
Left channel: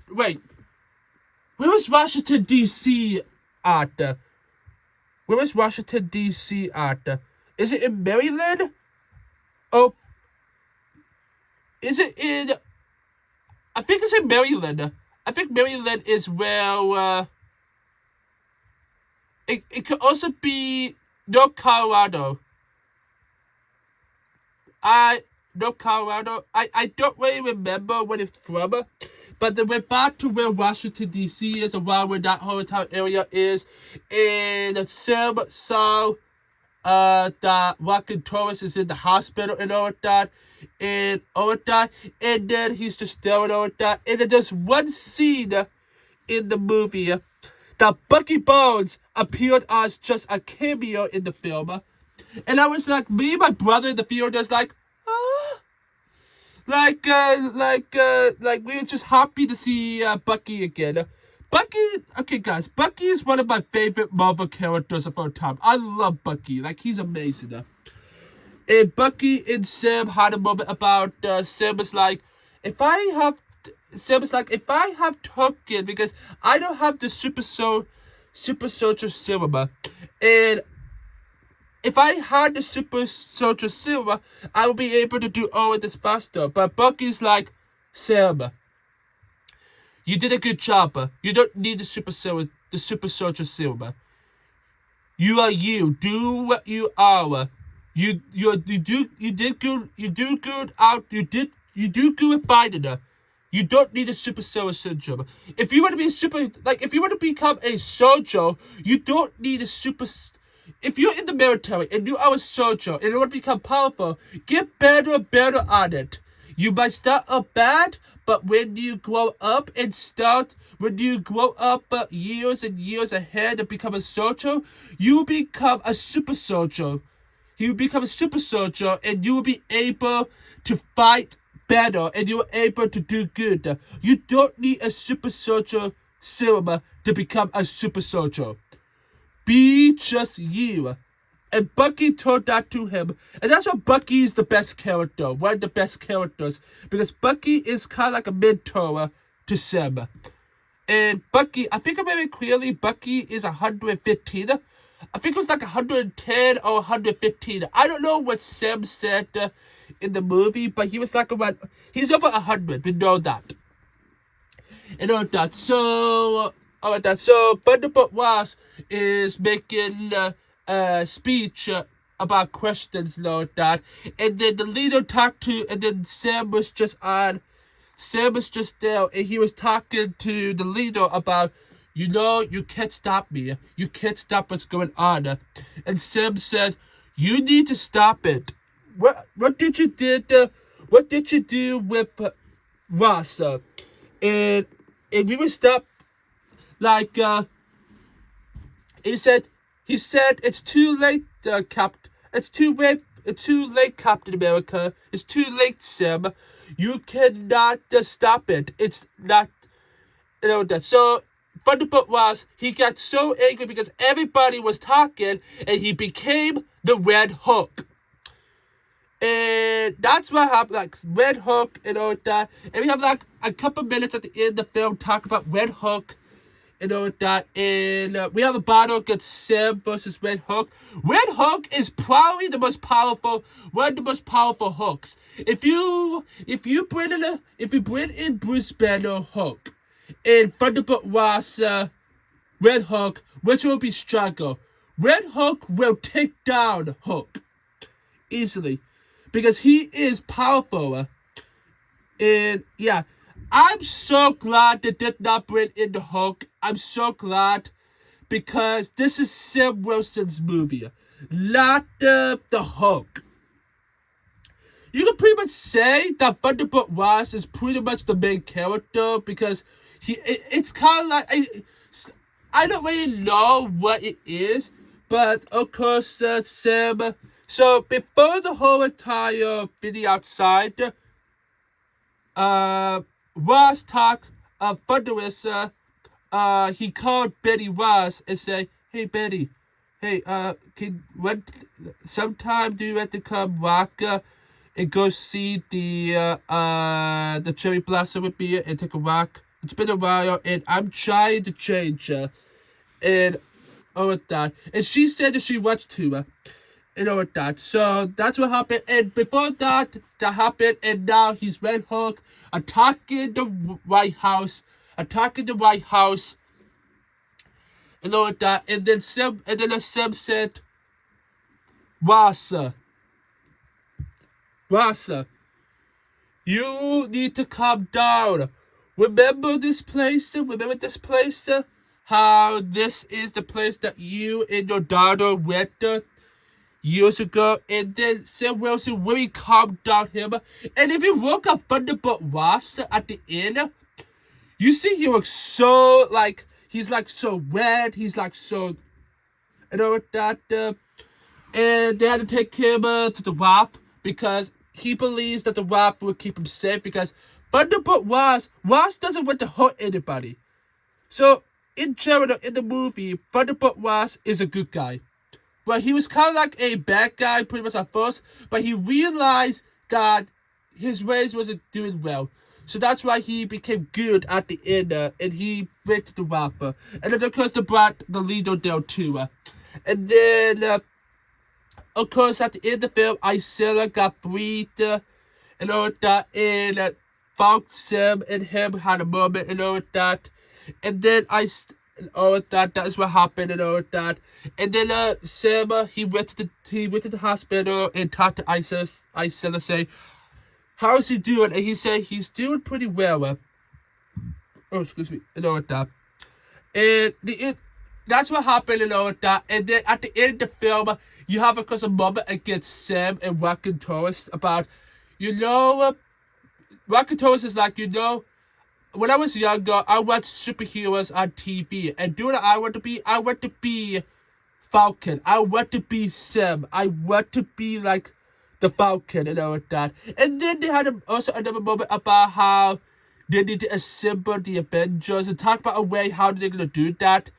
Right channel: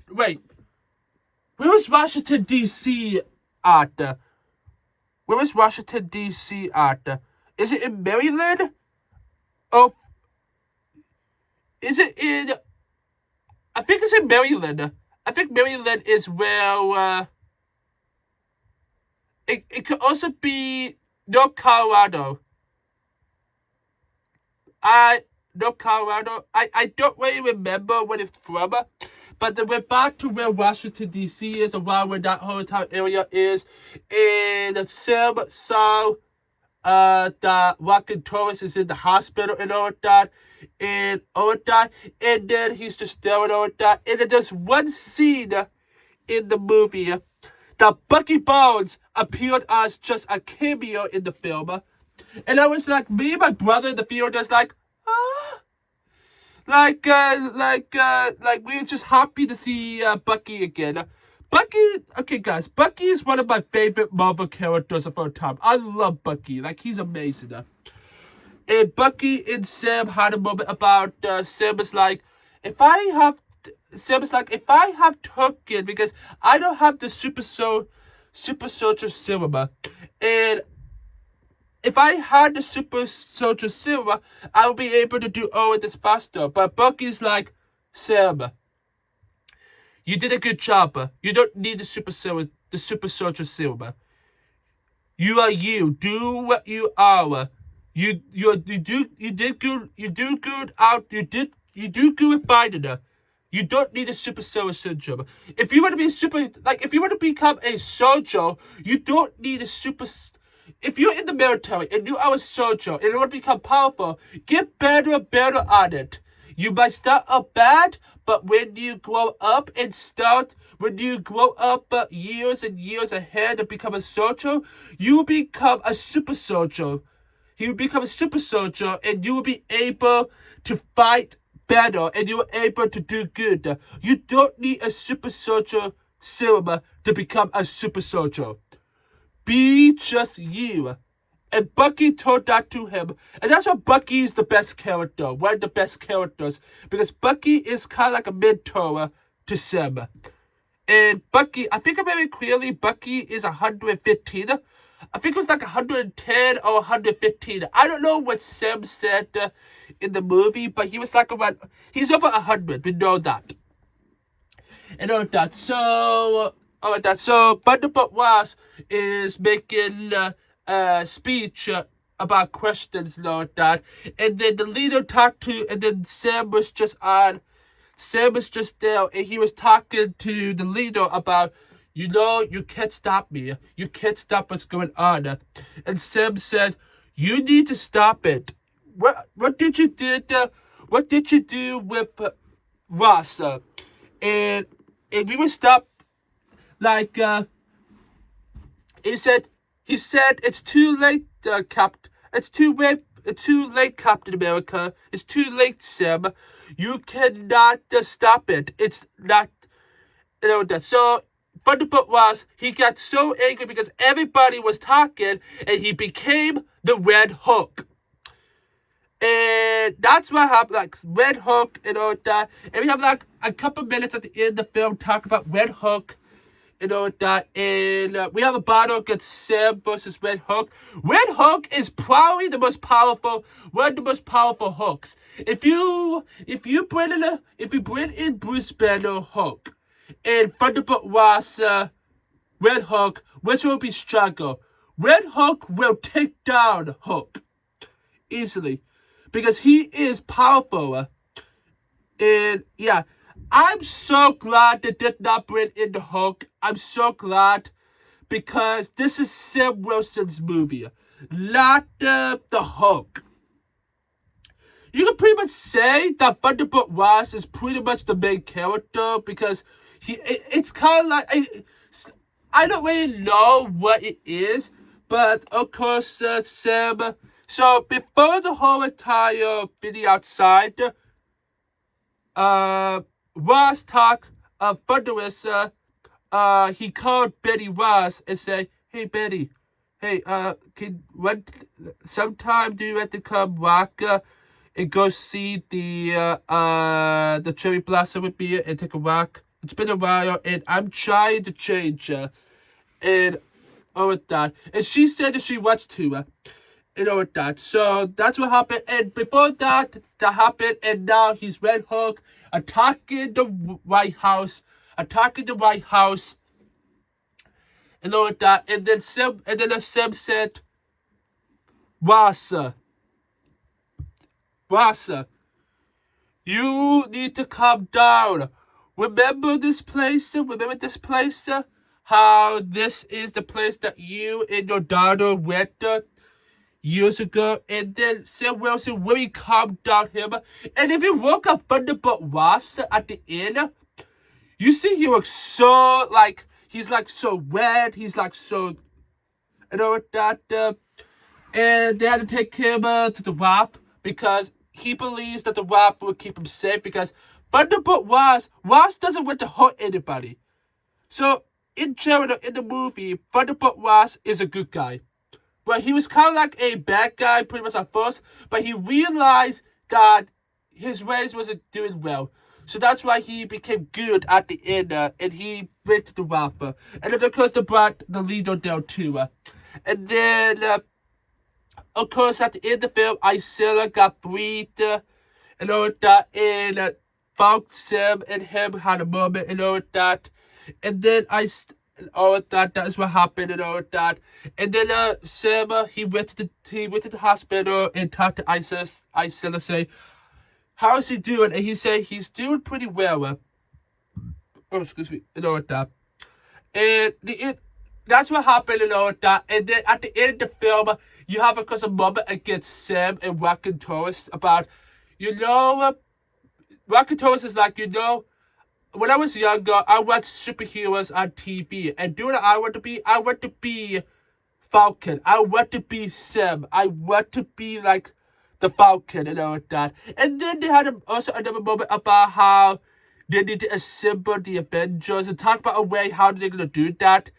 wait. Where was Washington, D.C. at? Where was Washington, D.C. at? Is it in Maryland? Oh, is it in... I think it's in Maryland. I think Maryland is where... It could also be North Colorado. North Colorado. I don't really remember what it's from. But they went back to where Washington, D.C. is, around where that whole entire area is. And Sam saw that Rockin' Torres is in the hospital and all of that. And all of that. And then he's just staring all of that. And then there's one scene in the movie that Bucky Barnes appeared as just a cameo in the film. And I was like, me and my brother in the theater was like, Like we were just happy to see Bucky again. Okay guys, Bucky is one of my favorite Marvel characters of all time. I love Bucky, like he's amazing. And Bucky and Sam had a moment about, Sam is like, if I have token, because I don't have the super soldier serum, and if I had the super soldier serum, I would be able to do all of this faster. But Bucky's like, Sam, you did a good job. You don't need the super soldier serum. You are you. Do what you are. You do good with fighting. You don't need a super soldier syndrome. If you want to become a soldier, you don't need a super. If you're in the military and you are a soldier and you want to become powerful, get better and better at it. You might start up bad, but when you grow up years and years ahead and become a soldier, you become a super soldier. You become a super soldier and you will be able to fight better and you are able to do good. You don't need a super soldier serum to become a super soldier. Be just you. And Bucky told that to him. And that's why Bucky is the best character. One of the best characters. Because Bucky is kind of like a mentor to Sam. And Bucky, I think I remember clearly, Bucky is 115. I think it was like 110 or 115. I don't know what Sam said in the movie. But he was like he's over 100. We know that. And all that. So Thunderbolt Ross is making a speech about questions and all that. And then the leader talked to, and then Sam was just there, and he was talking to the leader about, you can't stop me. You can't stop what's going on. And Sam said, you need to stop it. What did you do with Ross? And we will stop. Like, he said, it's too late, It's too late, Captain America. It's too late, Sam. You cannot stop it. It's not, that. So, Thunderbolt Ross, he got so angry because everybody was talking, and he became the Red Hulk. And that's what happened, like Red Hook and all that. And we have like a couple minutes at the end of the film talk about Red Hook and all that. And we have a battle against Sam versus Red Hook. Red Hook is probably the most powerful, one of the most powerful hooks. If you bring in Bruce Banner Hook and Thunderbolt Ross Red Hook, which will be stronger? Red Hook will take down Hook easily because he is powerful. And yeah, I'm so glad they did not bring in the Hulk. I'm so glad because this is Sam Wilson's movie, not the Hulk. You can pretty much say that Thunderbolt Ross is pretty much the main character because it's kind of like I don't really know what it is, but of course Sam. So before the whole entire video outside, Ross talk Thunderous, he called Betty Ross and said, "Hey Betty, hey sometime do you want to come walk and go see the cherry blossom with me and take a walk? It's been a while and I'm trying to change and all of that." And she said that she wants to and all of that. So that's what happened. And before that happened, and now he's Red Hook attacking the White House, and all of that. And then Sam said, Wassa, you need to calm down. Remember this place? How this is the place that you and your daughter went years ago? And then Sam Wilson really calmed down him. And if you look at Thunderbolt Ross at the end, you see he looks so like he's like so red. He's like so, you know that. And they had to take him to the Wrath because he believes that the Wrath will keep him safe because Thunderbolt Ross doesn't want to hurt anybody. So in general, in the movie, Thunderbolt Ross is a good guy. But he was kind of like a bad guy pretty much at first, but he realized that his ways wasn't doing well. So that's why he became good at the end, and he went the rapper. And then, of course, they brought the leader down too. And then, of course, at the end of the film, Isella got freed, and all of that, and found Sam and him had a moment, and all of that. And then all of that is what happened, and all of that. And then Sam, he went to the hospital and talked to Isella, say, "How is he doing?" And he said he's doing pretty well. Excuse me, and all of that. And that's what happened, and all of that. And then at the end of the film, you have, of course, a moment against Sam and Rocket Taurus about, Rocket Taurus is like, when I was younger, I watched superheroes on TV. And do you know what I want to be? I want to be Falcon. I want to be Sam. I want to be like the Falcon and all of that. And then they had also another moment about how they need to assemble the Avengers and talk about a way how they're going to do that.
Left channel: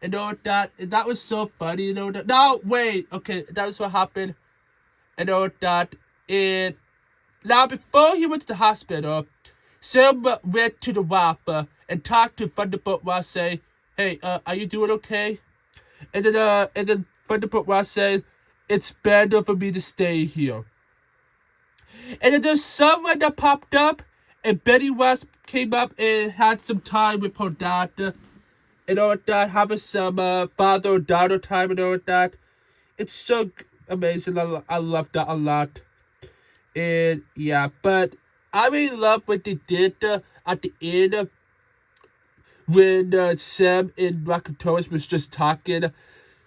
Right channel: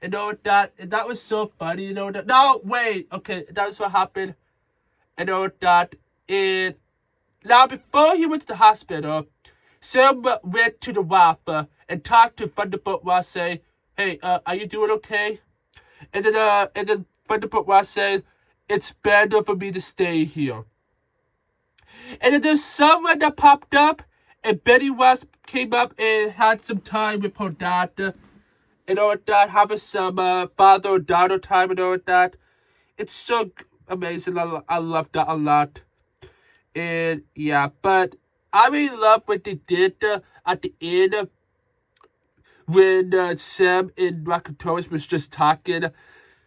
And all of that. And that was so funny, that. No, wait. Okay, that was what happened. And all of that. And now, before he went to the hospital, Sam went to the rapper and talked to Thunderbolt Ross, say, "Hey, are you doing okay?" And then Thunderbolt Ross said, "It's better for me to stay here." And then there's someone that popped up, and Betty Ross came up and had some time with her dad, and all that, having some father-daughter time and all that. It's so amazing. I love that a lot. And yeah, but I really love what they did at the end when Sam and Rocket Taurus was just talking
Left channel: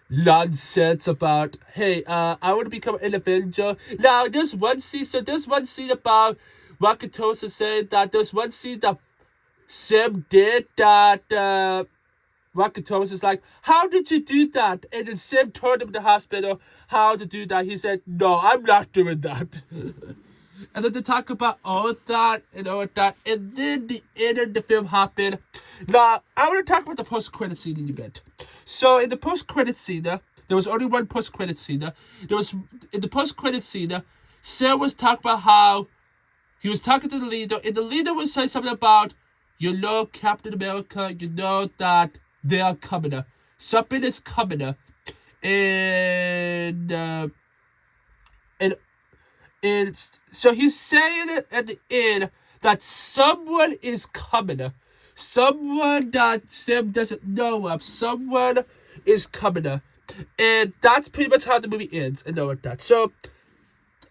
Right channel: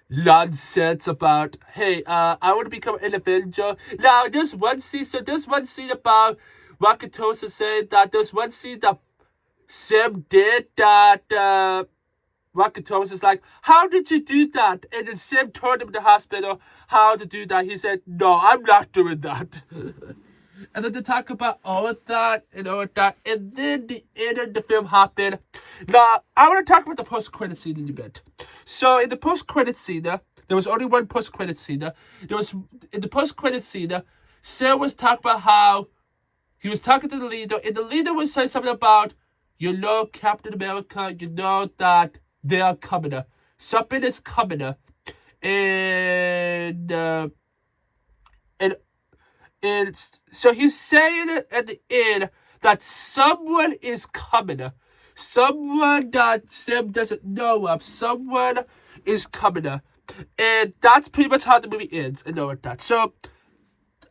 nonsense about, hey, I want to become an Avenger. Now, there's one scene about Rocket Taurus saying that there's one scene that Sam did that Rocket Taurus is like, "How did you do that?" And then Sam told him in the hospital how to do that. He said, "No, I'm not doing that." And then they talk about all of that and all of that. And then the end of the film happened. Now, I want to talk about the post-credit scene in a bit. So, in the post-credit scene, there was only one post-credit scene. In the post-credit scene, Sam was talking about how he was talking to the leader, and the leader would say something about, Captain America, that they are coming. Something is coming. And, and, so he's saying it at the end that someone is coming. Someone that Sam doesn't know of. Someone is coming. And that's pretty much how the movie ends, and all of that. So,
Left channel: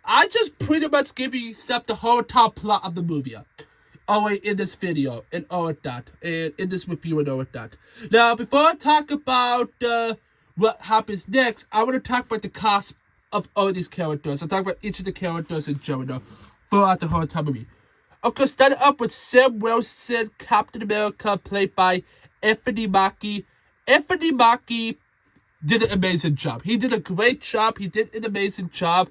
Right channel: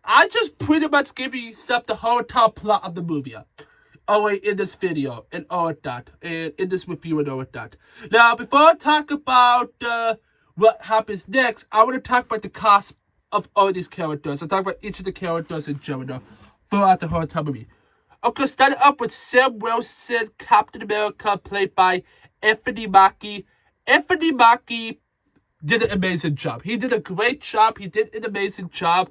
I just pretty much give you the whole entire plot of the movie. In this video, and all of that. And in this review, and all of that. Now, before I talk about what happens next, I want to talk about the cast of all these characters. I'll talk about each of the characters in general throughout the whole entire movie. Okay, starting up with Sam Wilson, Captain America, played by Anthony Mackie. Anthony Mackie did an amazing job. He did a great job. He did an amazing job.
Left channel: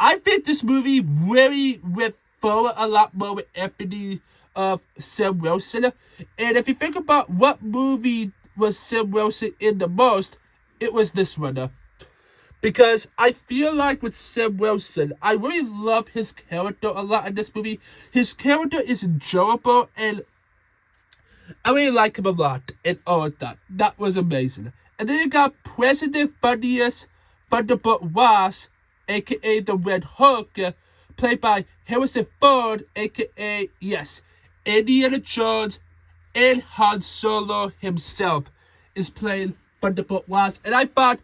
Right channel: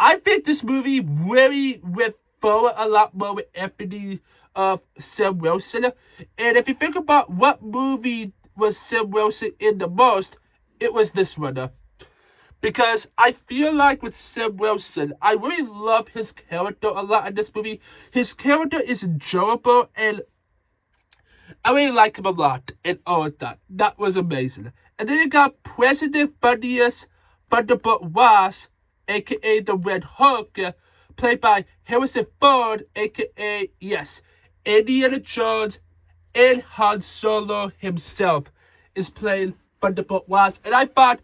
I think this movie really went forward a lot more with Anthony Sam Wilson. And if you think about what movie was Sam Wilson in the most, it was this one. Because I feel like with Sam Wilson, I really love his character a lot in this movie. His character is enjoyable, and I really like him a lot, and all of that. That was amazing. And then you got President Thaddeus Thunderbolt Ross, a.k.a. the Red Hulk, played by Harrison Ford, a.k.a., yes, Indiana Jones, and Han Solo himself is playing Thunderbolt Ross. And I thought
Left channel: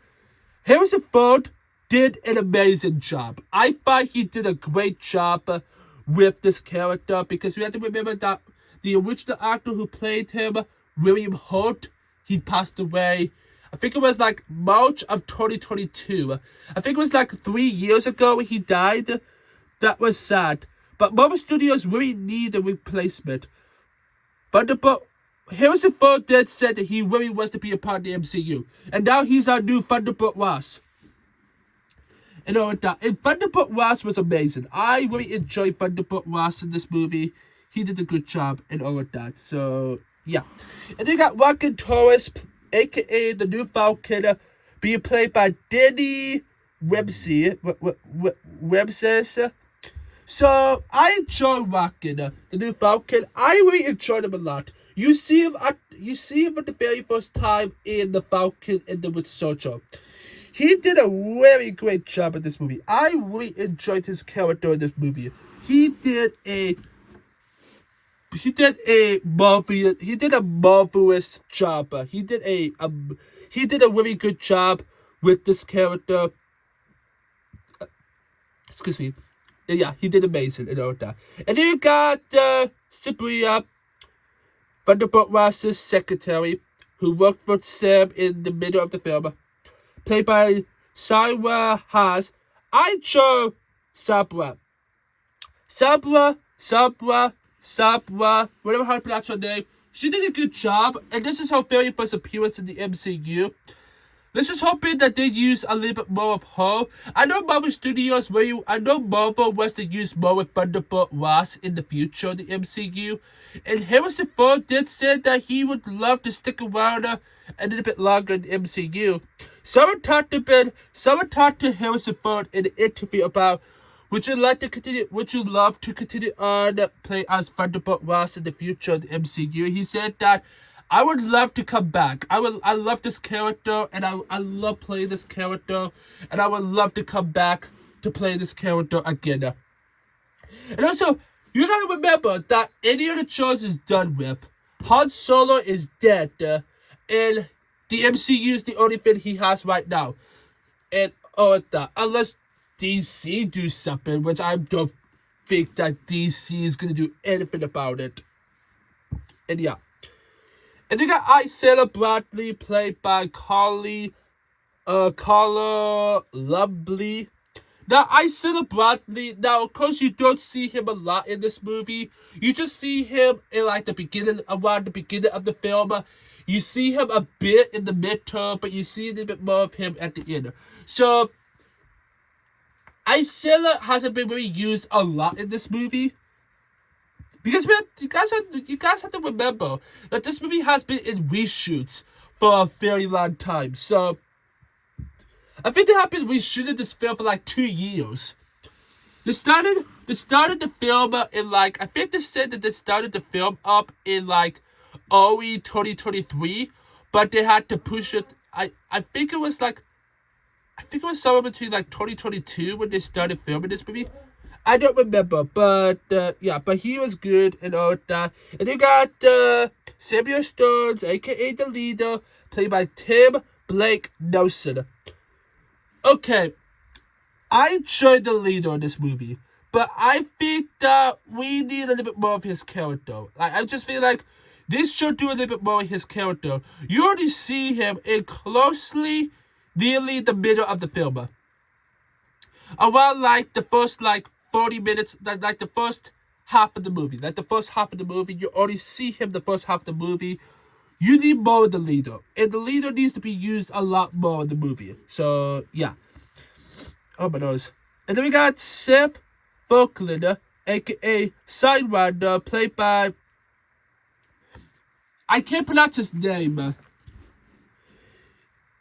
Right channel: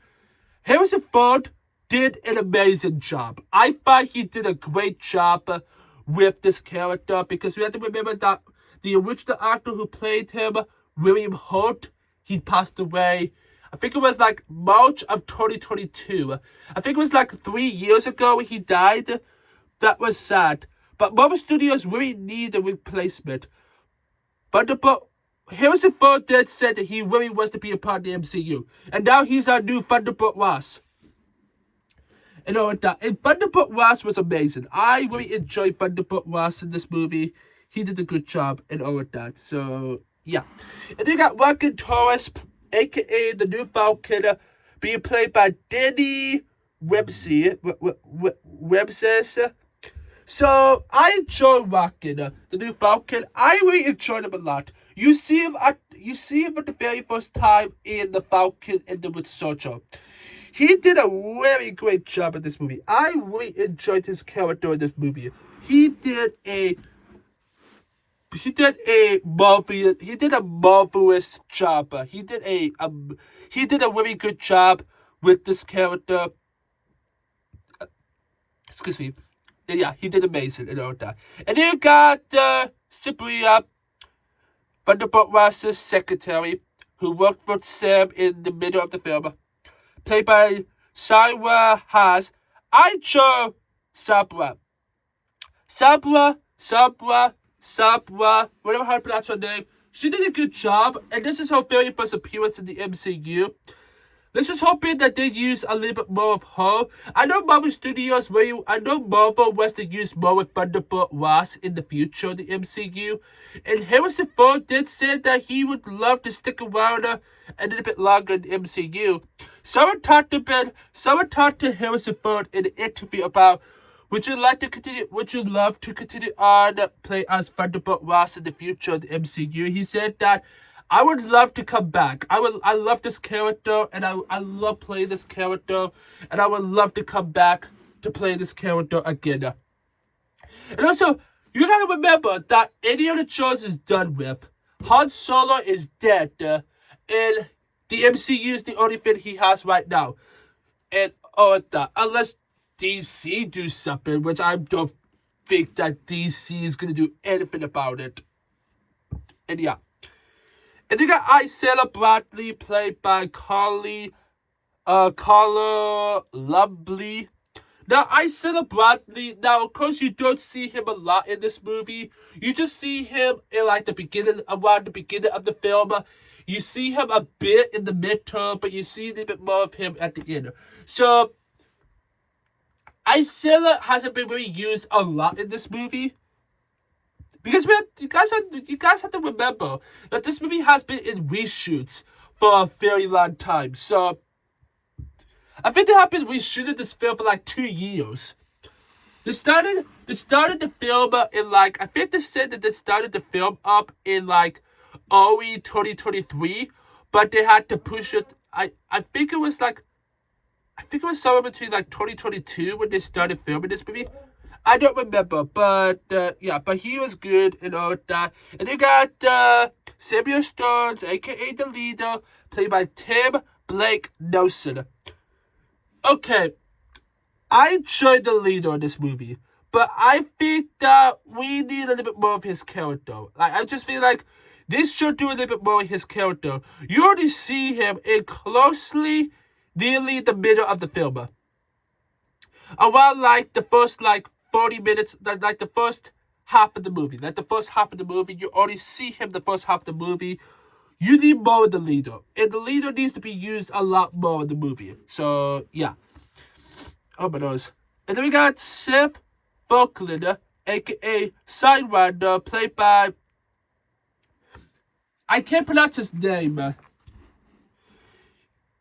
Harrison Ford did an amazing job. I thought he did a great job with this character, because we have to remember that the original actor who played him, William Holt, he passed away. I think it was like March of 2022. I think it was like 3 years ago he died. That was sad. But Marvel Studios really need a replacement. Thunderbolt Harrison Ford did said that he really wants to be a part of the MCU. And now he's our new Thunderbolt Ross. And all of that. And Thunderbolt Ross was amazing. I really enjoyed Thunderbolt Ross in this movie. He did a good job and all of that. So, yeah. And then you got Joaquin Torres, a.k.a. the new Falcon, being played by Danny Webster. So, I enjoy Joaquin, the new Falcon. I really enjoyed him a lot. You see him for the very first time in the Falcon and the Winter Soldier. He did a very great job in this movie. I really enjoyed his character in this movie. He did a marvelous job. He did a really good job with this character. Excuse me. Yeah, he did amazing and all that. And then you got Sabrina, Thunderbolt Ross's secretary, who worked for Sam in the middle of the film, played by Sarah Haas. I chose Sabra, whatever how to pronounce her name. She did a good job, and this is her very first appearance in the MCU. Let's just hoping that they use a little bit more of her. I know Marvel wants to use more of Thunderbolt Ross in the future of the MCU. And Harrison Ford did say that he would love to stick around a little bit longer in the MCU. Someone talked to Harrison Ford in an interview about, would you love to continue on play as Thunderbolt Ross in the future of the MCU? He said that, I would love to come back. I love this character, and I love playing this character, and I would love to come back to play this character again. And also, you gotta remember that Indiana Jones is done with. Han Solo is dead, and the MCU is the only thing he has right now. And all that, unless DC do something, which I don't think that DC is gonna do anything about it. And yeah. And you got Isaiah Bradley, played by Carla Lumbly. Now, Isaiah Bradley, of course, you don't see him a lot in this movie. You just see him in, like, around the beginning of the film. You see him a bit in the midterm, but you see a little bit more of him at the end. So, Isaiah hasn't been really used a lot in this movie. Because you guys have to remember that this movie has been in reshoots for a very long time. So, I think they have been reshooting this film for like 2 years. They started the film in like, I think they said that they started the film up in like early 2023, but they had to push it. I think it was like, I think it was somewhere between like 2022 when they started filming this movie. I don't remember, but yeah, but he was good and all that. And they got Samuel Stones, aka the leader, played by Tim Blake Nelson. Okay, I enjoyed the leader in this movie, but I think that we need a little bit more of his character. Like, I just feel like this should do a little bit more of his character. You already see him in closely, nearly the middle of the film. Around like the first like 40 minutes, like the first half of the movie. Like the first half of the movie, you already see him the first half of the movie. You need more of the leader. And the leader needs to be used a lot more in the movie. So, yeah. Oh my nose. And then we got Seth Falkland, aka Sidewinder, played by, I can't pronounce his name.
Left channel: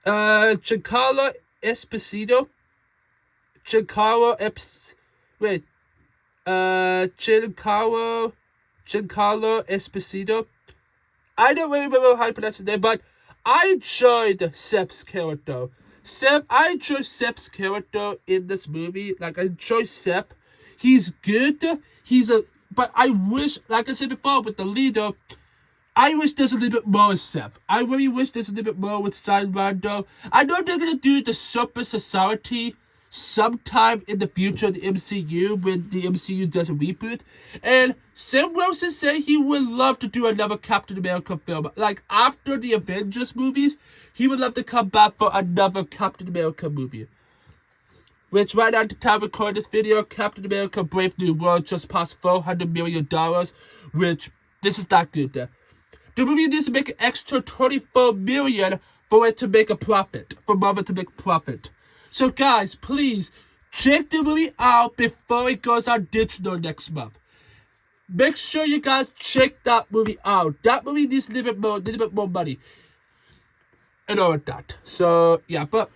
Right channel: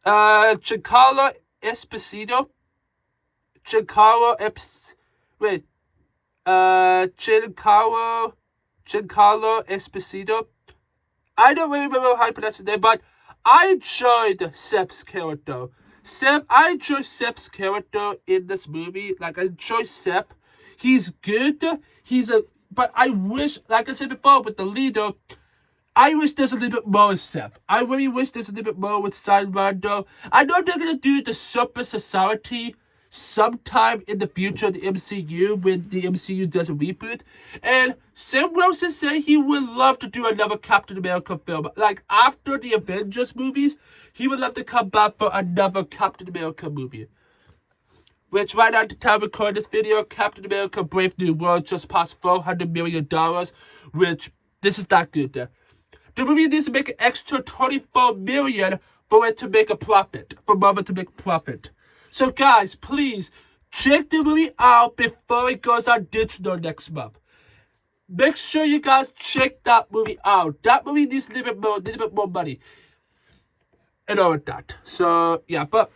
Giancarlo Esposito. Giancarlo Esposito. I don't really remember how to pronounce his name, but I enjoyed Seth's character. I enjoy Seth's character in this movie. Like, I enjoy Seth. He's good. But I wish, like I said before, with the leader, I wish there's a little bit more with Seth. I really wish there's a little bit more with Sidewinder. I know they're going to do the Super Society sometime in the future of the MCU when the MCU does a reboot. And Sam Wilson said he would love to do another Captain America film. Like, after the Avengers movies, he would love to come back for another Captain America movie. Which right now, at the time of recording this video, Captain America Brave New World just passed $400 million, which, this is not good. The movie needs to make an extra $24 million for it to make a profit, for Marvel to make a profit. So guys, please, check the movie out before it goes on digital next month. Make sure you guys check that movie out. That movie needs a little bit more money. And all of that. So, yeah, but,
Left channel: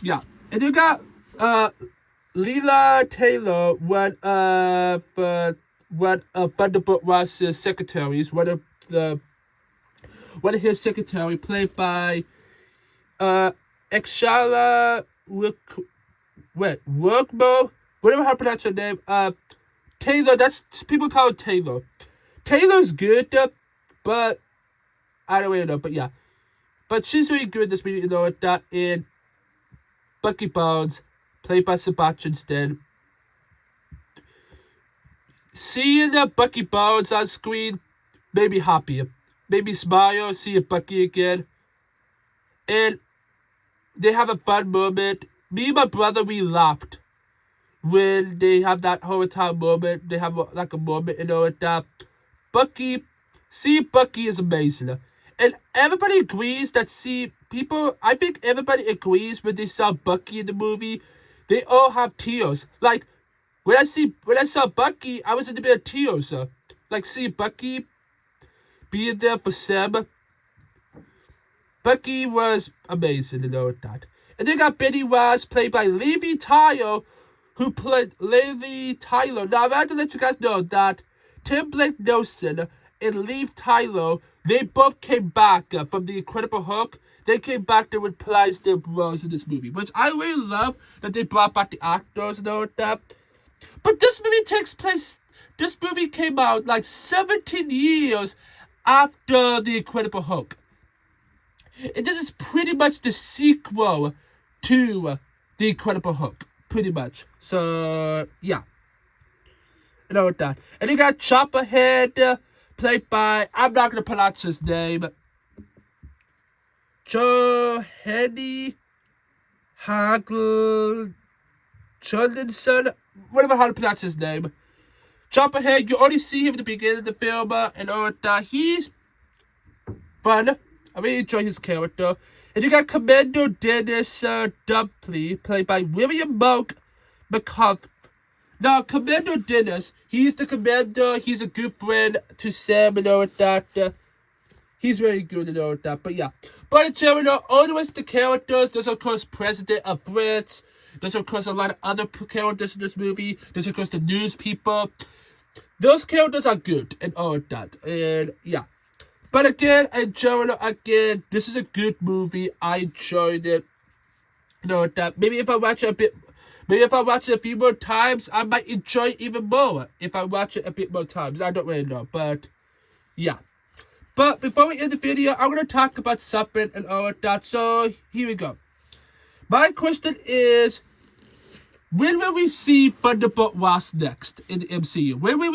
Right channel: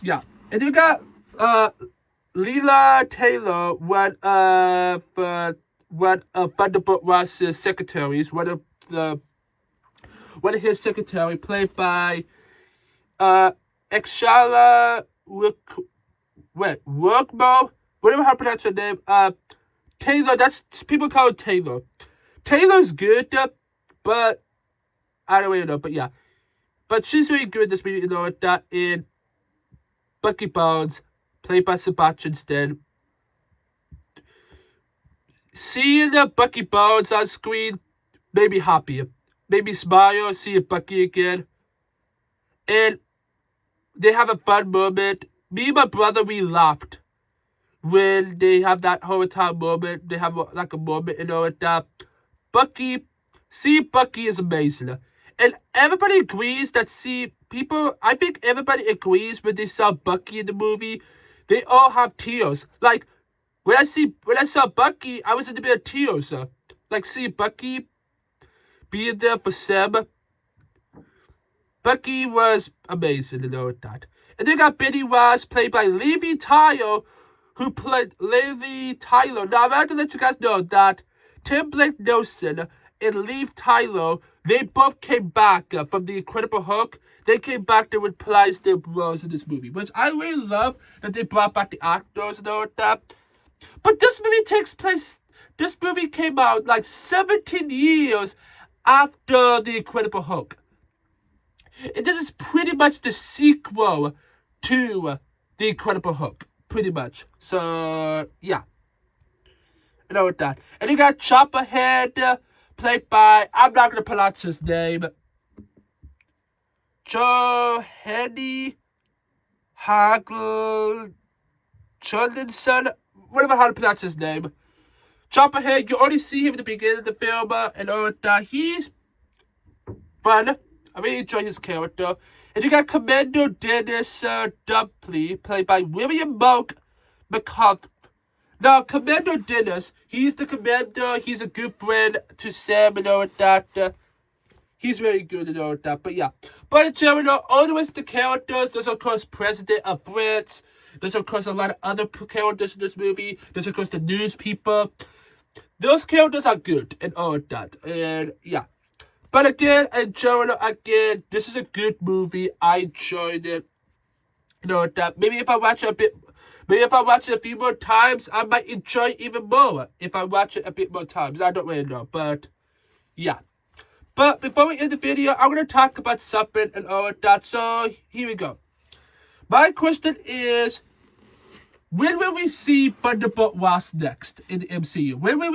yeah. And you got, Leela Taylor, one of Thunderbolt Ross's secretaries, one of his secretary, played by, Exhala Workmo, whatever how to pronounce her name. Taylor, that's, people call her Taylor. Taylor's good, but I don't really know, but yeah. But she's really good in this movie, you know, that in Bucky Barnes, played by Sebastian Stan. Seeing Bucky Barnes on screen made me happy. Made me smile, seeing Bucky again. And they have a fun moment. Me and my brother, we laughed when they have that whole time moment. They have like a moment, you know, that Bucky is amazing. And everybody agrees that, I think everybody agrees when they saw Bucky in the movie, they all have tears. Like, when I saw Bucky, I was in a bit of tears. Like, seeing Bucky being there for Sam. Bucky was amazing, you know that. And they got Benny Ross, played by Levi Tyler, who played Levi Tyler. Now, I'm going to let you guys know that Tim Blake Nelson and Levi Tyler, they both came back from The Incredible Hulk. They came back to reprise their roles in this movie, which I really love that they brought back the actors and all that. But this movie came out like 17 years after The Incredible Hulk. And this is pretty much the sequel to The Incredible Hulk. Pretty much. So, yeah. And all of that. And you got Chopperhead, played by, I'm not going to pronounce his name, Johanny Hagel Jordanson, whatever how to pronounce his name. Chopperhead, you already see him at the beginning of the film, and all of that. He's fun. I really enjoy his character. And you got Commander Dennis Dumpley, played by William Monk McCarthy. Now, Commander Dennis, he's the commander. He's a good friend to Sam and all that. He's very good and all that. But yeah. But in general, all the rest of the characters, there's of course President of France. There's, of course, a lot of other characters in this movie. There's, of course, the news people. Those characters are good and all of that. And, yeah. But again, in general, again, this is a good movie. I enjoyed it. You know that. Maybe if I watch it a few more times, I might enjoy it even more. If I watch it a bit more times. I don't really know. But, yeah. But before we end the video, I'm going to talk about something and all of that. So, here we go. My question is, when will we see Thunderbolt Ross next in the MCU? When will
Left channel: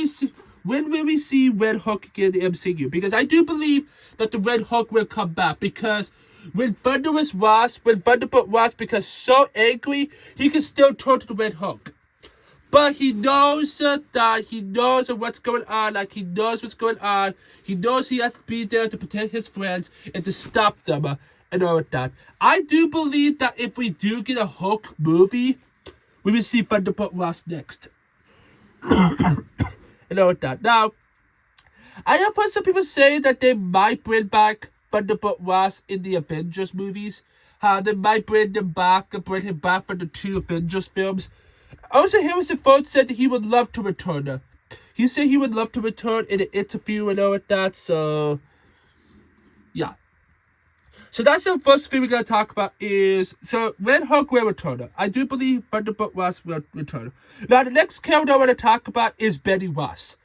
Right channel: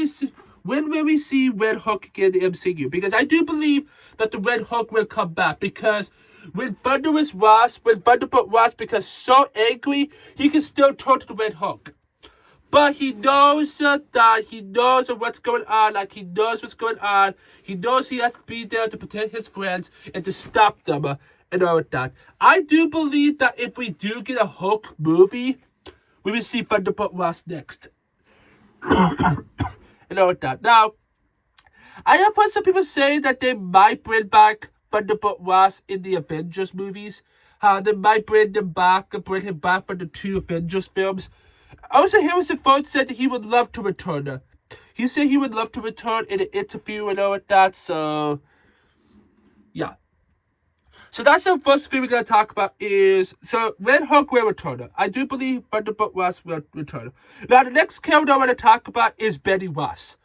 we see Red Hulk again in the MCU? Because I do believe that the Red Hulk will come back. Because when Thunderbolt Ross becomes so angry, he can still turn to the Red Hulk. But he knows that he knows what's going on. Like, he knows what's going on. He knows he has to be there to protect his friends and to stop them and all of that. I do believe that if we do get a Hulk movie, we will see Thunderbolt Ross next. And all of that. Now, I have heard some people say that they might bring back Thunderbolt Ross in the Avengers movies. They might bring him back for the 2 Avengers films. Also, Harrison Ford said that he would love to return. He said he would love to return in an interview and all of that. So, yeah. So that's the first thing we're going to talk about is, so Red Hulk will return. I do believe Thunderbolt Ross will return. Now, the next character I want to talk about is Betty Ross.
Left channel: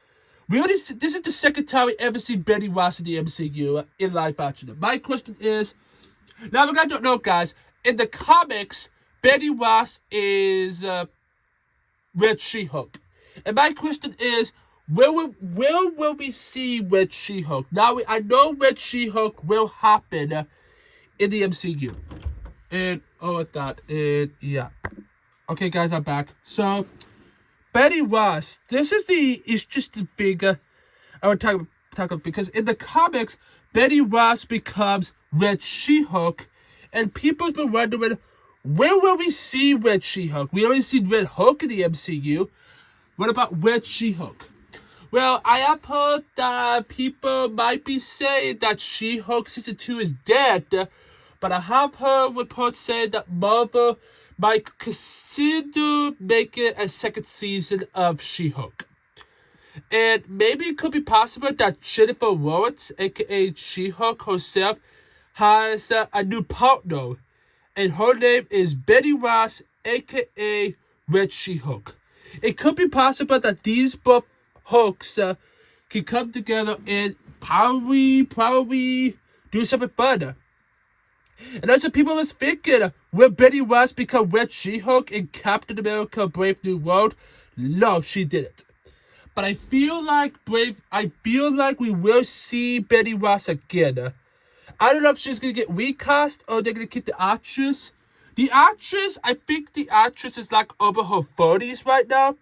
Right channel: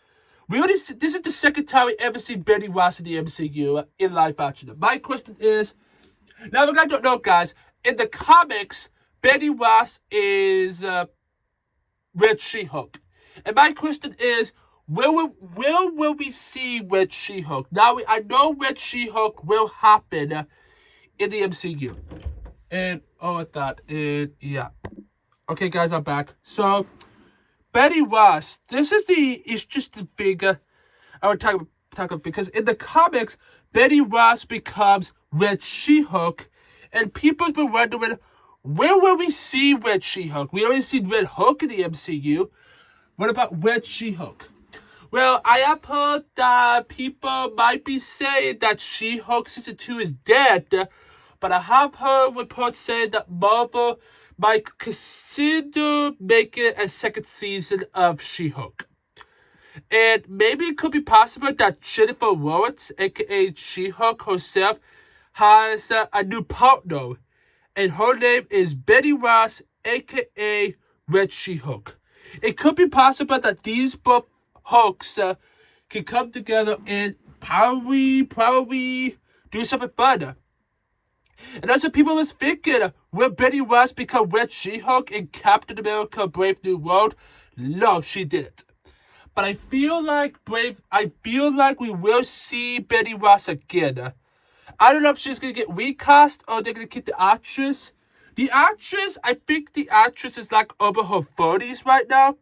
This is the second time we ever seen Betty Ross in the MCU in live action. My question is, now if you guys don't know, guys, in the comics, Betty Ross is Red She-Hulk. And my question is, where will we see Red She-Hulk? Now, I know Red She-Hulk will happen in the MCU. And all of that. And yeah. Okay, guys, I'm back. So, Betty Ross, it's just the bigger. I would talk about because in the comics, Betty Ross becomes Red She-Hulk, and people's been wondering, where will we see Red She-Hulk? We already seen Red Hulk in the MCU. What about Red She-Hulk? Well, I have heard that people might be saying that She-Hulk Season 2 is dead, but I have heard reports saying that Marvel might consider making a second season of She-Hulk. And maybe it could be possible that Jennifer Lawrence, aka She-Hulk herself, has a new partner. And her name is Betty Ross, aka Red She-Hulk. It could be possible that these both Hulks can come together and probably do something fun. And as people was thinking, will Betty Ross become Red She-Hulk in Captain America Brave New World? No, she didn't. But I feel like we will see Betty Ross again. I don't know if she's gonna get recast or they're gonna keep the actress. I think the actress is like over her 30s right now.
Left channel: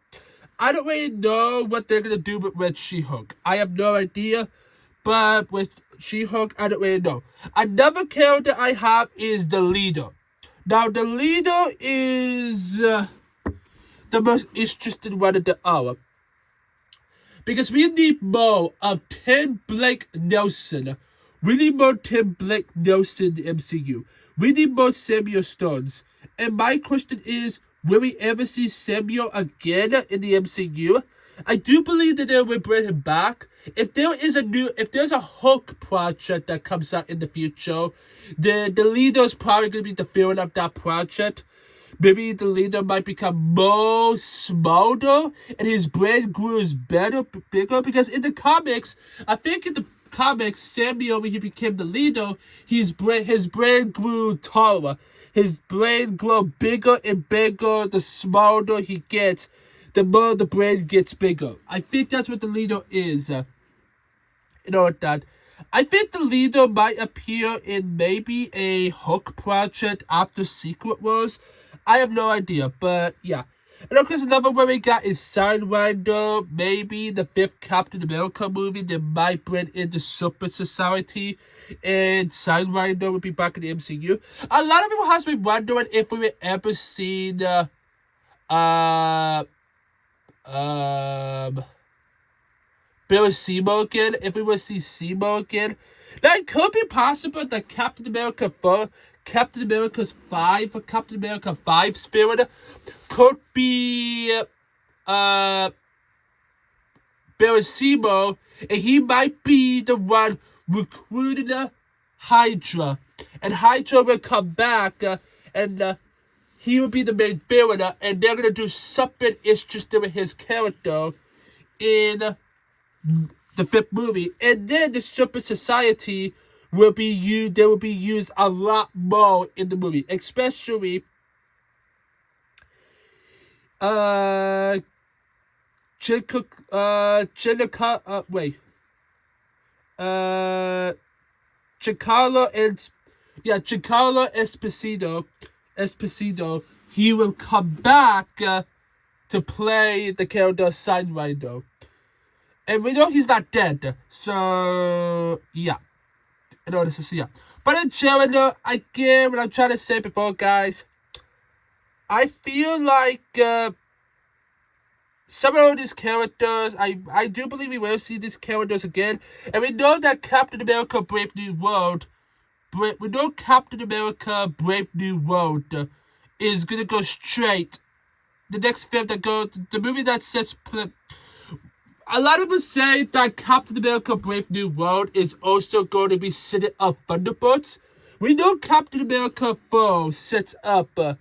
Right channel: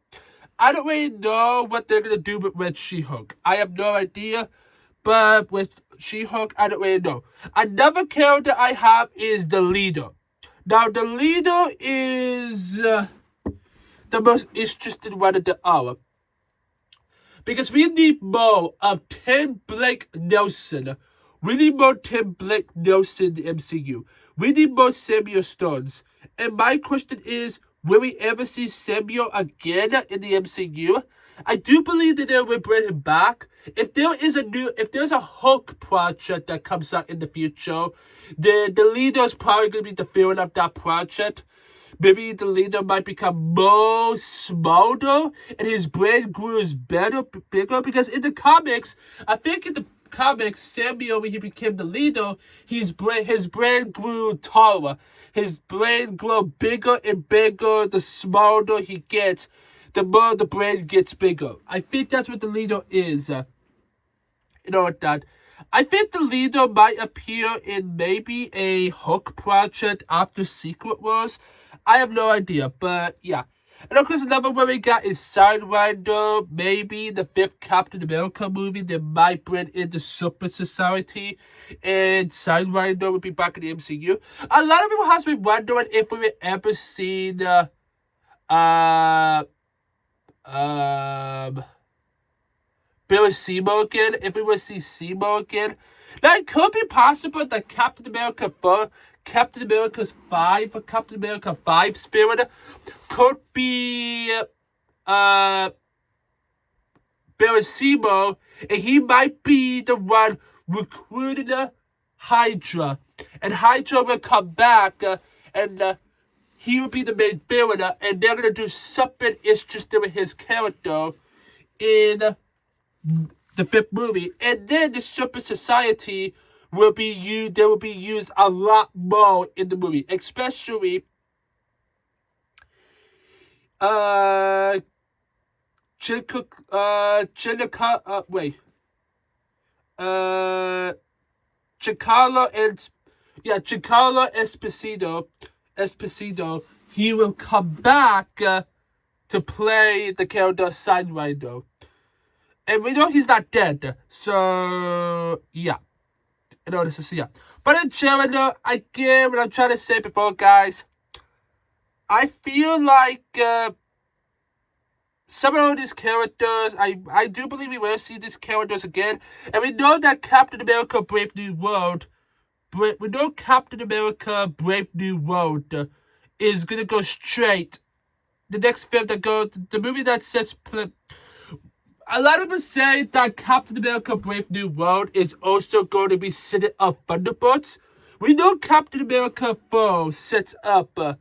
I don't really know what they're gonna do with Red She-Hulk. I have no idea. But with She-Hulk, I don't really know. Another character I have is the leader. Now, the leader is the most interesting one of the hour. Because we need more of Tim Blake Nelson. We need more Tim Blake Nelson in the MCU. We need more Samuel Stones. And my question is, will we ever see Samuel again in the MCU? I do believe that they will bring him back. If there's a Hulk project that comes out in the future, the leader is probably going to be the villain of that project. Maybe the leader might become more smaller and his brain grows bigger. Because in the comics, I think in the comics, Samuel, when he became the leader, his brain grew taller. His brain grew bigger and bigger the smaller he gets. The more the brain gets bigger. I think that's what the leader is. You know what that? I think the leader might appear in maybe a Hulk project after Secret Wars. I have no idea, but yeah. And of course, another one we got is Sidewinder. Maybe the 5th Captain America movie. They might bring in the Super Society. And Sidewinder will be back in the MCU. A lot of people have been wondering if we will ever see the Billy Seymour again, if we will see Seymour again. Now, it could be possible that Captain America Captain America 5 spirit could be Baracimo, and he might be the one recruiting Hydra. And Hydra will come back, and he will be the main villain, and they're gonna do something interesting with his character in the 5th movie. And then the Super Society will be used. They will be used a lot more in the movie, especially Giancarlo Esposito, he will come back to play the character Sidewinder. And we know he's not dead, so yeah. Yeah. But in general, again, what I'm trying to say before, guys, I feel like some of these characters, I do believe we will see these characters again. And we know that Captain America Brave New World is gonna go straight. The next film the movie that sets. A lot of people say that Captain America Brave New World is also going to be setting up Thunderbolts. We know Captain America 4 sets up the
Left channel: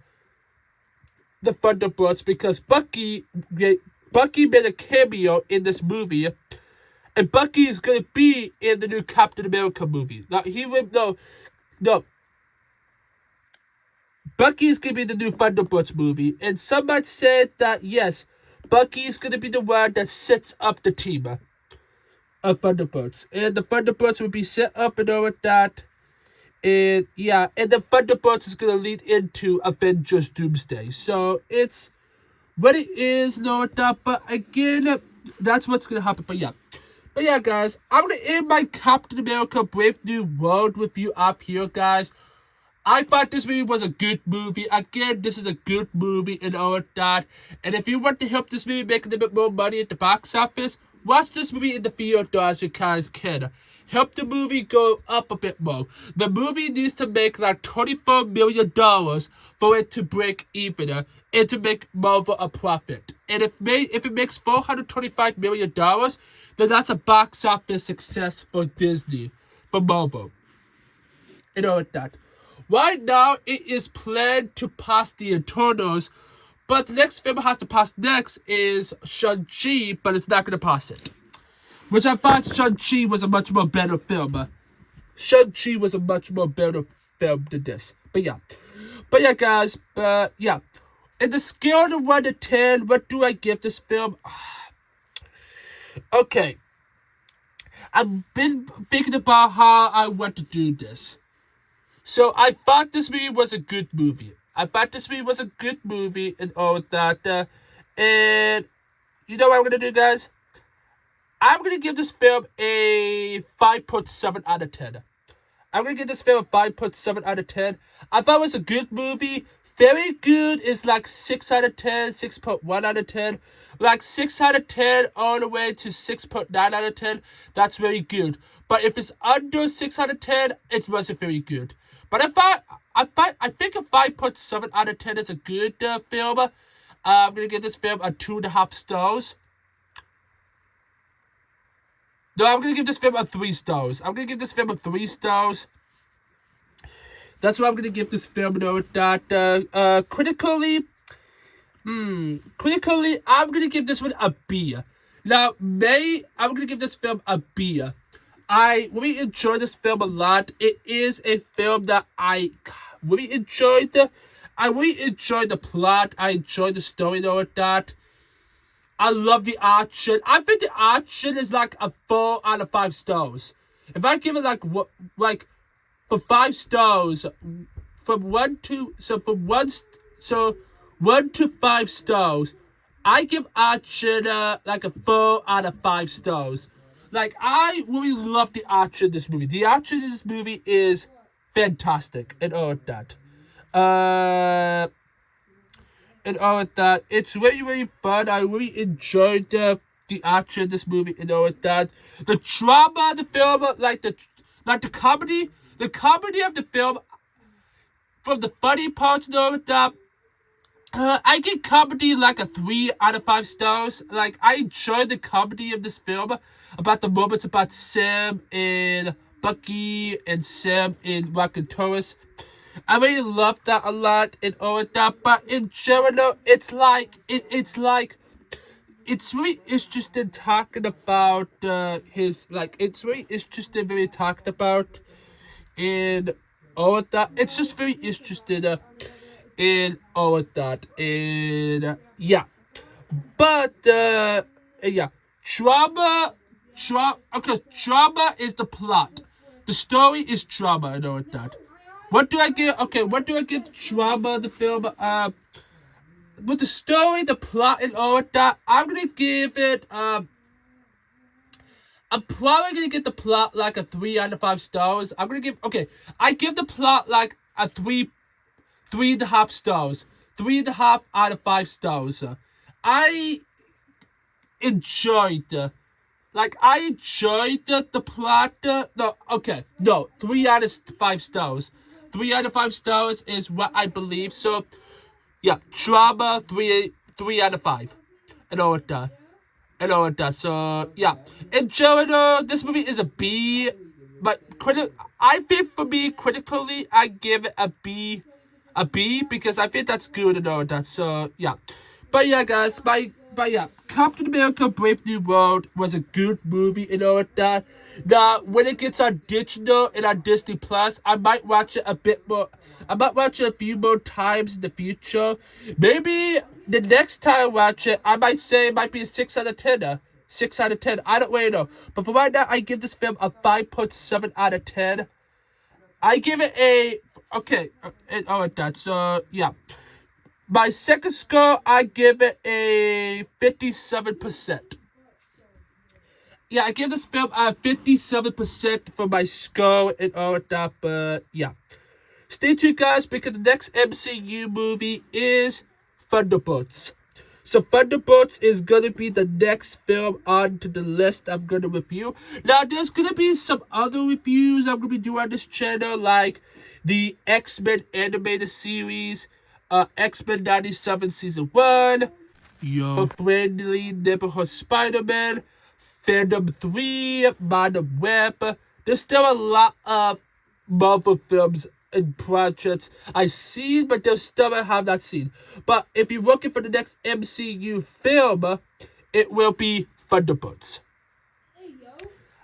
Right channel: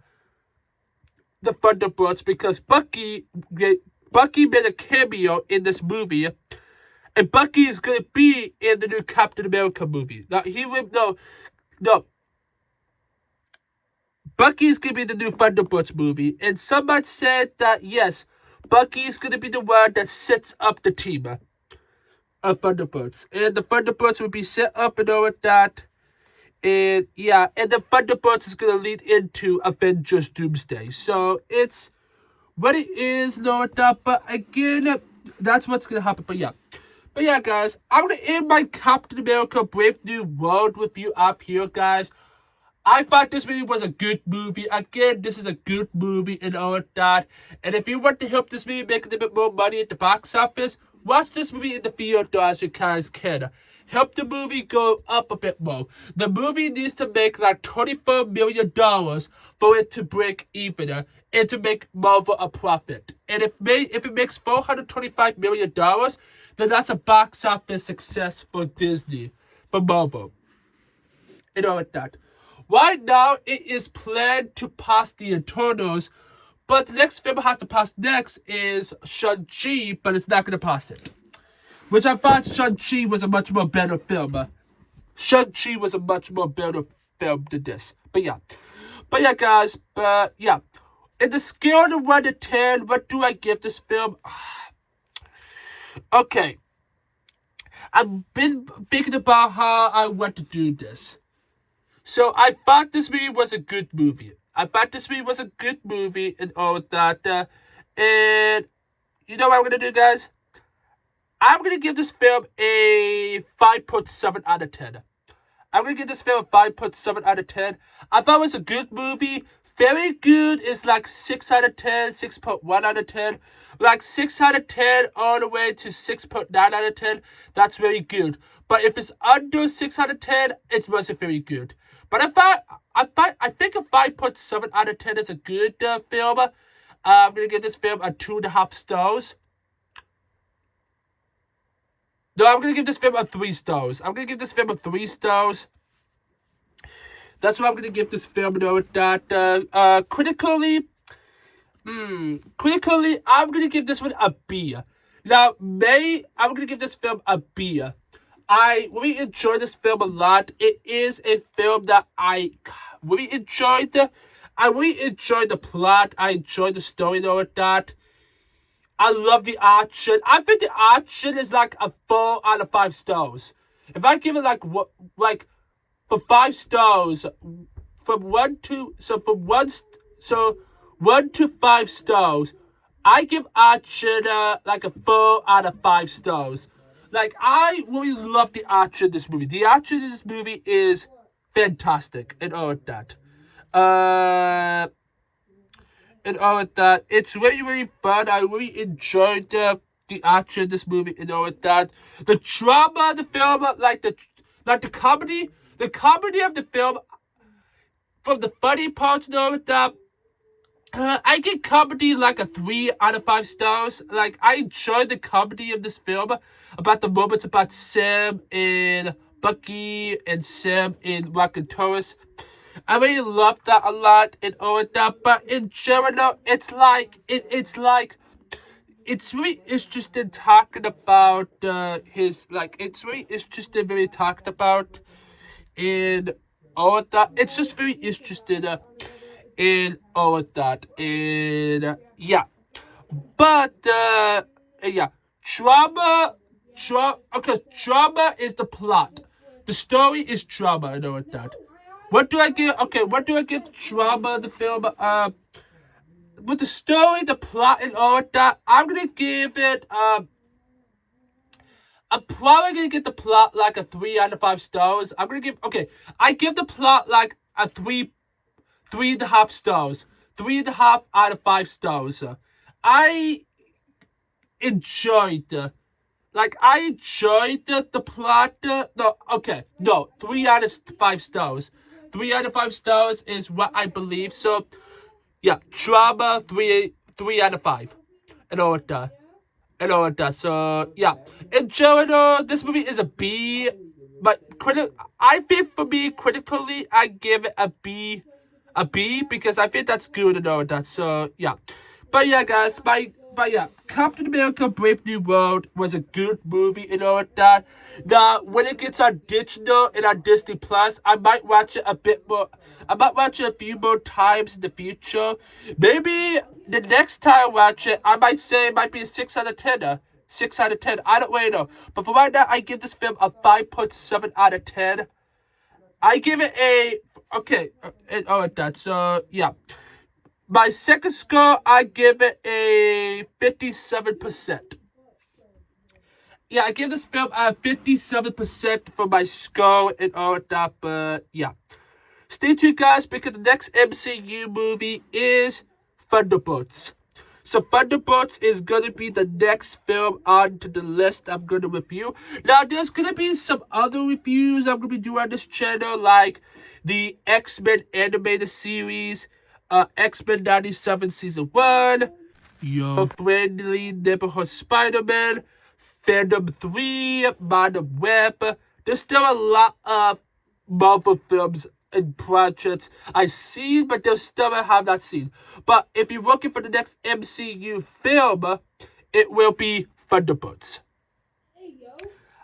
Thunderbolts because Bucky made a cameo in this movie, and Bucky is going to be in the new Captain America movie. Now, Bucky's going to be in the new Thunderbolts movie, and somebody said that, yes, Bucky's going to be the one that sets up the team of Thunderbolts. And the Thunderbolts will be set up and all of that. And yeah, and the Thunderbolts is going to lead into Avengers Doomsday. So it's what it is and all of that. But again, that's what's going to happen. But yeah, guys, I'm going to end my Captain America Brave New World with you up here, guys. I thought this movie was a good movie. Again, this is a good movie and all of that. And if you want to help this movie make a little bit more money at the box office, watch this movie in the theater as you guys can. Help the movie go up a bit more. The movie needs to make like $24 million for it to break even and to make Marvel a profit. And if it makes $425 million, then that's a box office success for Disney, for Marvel, and all of that. Right now, it is planned to pass the Eternals, but the next film it has to pass next is Shang-Chi, but it's not going to pass it. Which I thought Shang-Chi was a much more better film. Shang-Chi was a much more better film than this. But yeah, guys, in the scale of 1 to 10, what do I give this film? Okay. I've been thinking about how I want to do this. So I thought this movie was a good movie. And all of that. And you know what I'm going to do, guys? I'm going to give this film a 5.7 out of 10. I thought it was a good movie. Very good is like 6 out of 10, 6.1 out of 10. Like 6 out of 10 all the way to 6.9 out of 10. That's very good. But if it's under 6 out of 10, it wasn't very good. But I think a 5.7 out of 10 is a good film. I'm going to give this film a 2.5 stars. No, I'm going to give this film a 3 stars. That's what I'm going to give this film. Critically, I'm going to give this one a B. Now, I'm going to give this film a B. I really enjoyed this film a lot. It is a film that I really enjoyed. I really enjoyed the plot. I enjoyed the story and all of that. I love the action. I think the action is like a 4 out of 5 stars. If I give it for 5 stars, from 1 to 5 stars, I give action like a 4 out of 5 stars. Like, I really love the action in this movie. The action in this movie is fantastic and all of that. It's really, really fun. I really enjoyed the action in this movie and all of that. The drama of the film, the comedy of the film, from the funny parts, though, that I give comedy like a 3 out of 5 stars. Like, I enjoyed the comedy of this film about the moments about Sam and Bucky and Sam and Rocket Taurus. I really love that a lot and all of that. But in general, it's like it's really interesting talking about his like it's really interesting very talked about in all of that. It's just very interesting in all of that. And yeah. But yeah. Drama is the plot. The story is drama and all of that. What do I give? Okay, what do I give drama the film? With the story, the plot, and all of that, I'm gonna give it. I'm probably gonna give the plot like a 3 out of 5 stars. I'm gonna give. Okay, I give the plot like a 3.5 stars. 3.5 out of 5 stars. I enjoyed the plot. No, okay, no, 3 out of 5 stars. 3 out of 5 stars is what I believe. So, yeah, drama 3 out of 5, and all of that, and all of that. So yeah, in general, this movie is a B, but I think for me critically, I give it a B because I think that's good and all of that. So yeah, but yeah, guys, but yeah, Captain America: Brave New World was a good movie and all of that. Now, when it gets on digital and on Disney Plus, I might watch it a bit more. I might watch it a few more times in the future. Maybe the next time I watch it, I might say it might be a 6 out of 10. 6 out of 10. I don't really know. But for right now, I give this film a 5.7 out of 10. I give it a... Okay. All right, that. So, yeah. My second score, I give it a 57%. Yeah, I give this film a 57% for my score and all that, but yeah. Stay tuned, guys, because the next MCU movie is Thunderbolts. So Thunderbolts is going to be the next film onto the list I'm going to review. Now, there's going to be some other reviews I'm going to be doing on this channel, like the X-Men animated series, X-Men 97 Season 1, Your Friendly Neighborhood Spider-Man, Phantom 3, Madam Web. There's still a lot of Marvel films and projects I see, but there's still I have not seen. But if you're looking for the next MCU film, it will be Thunderbolts.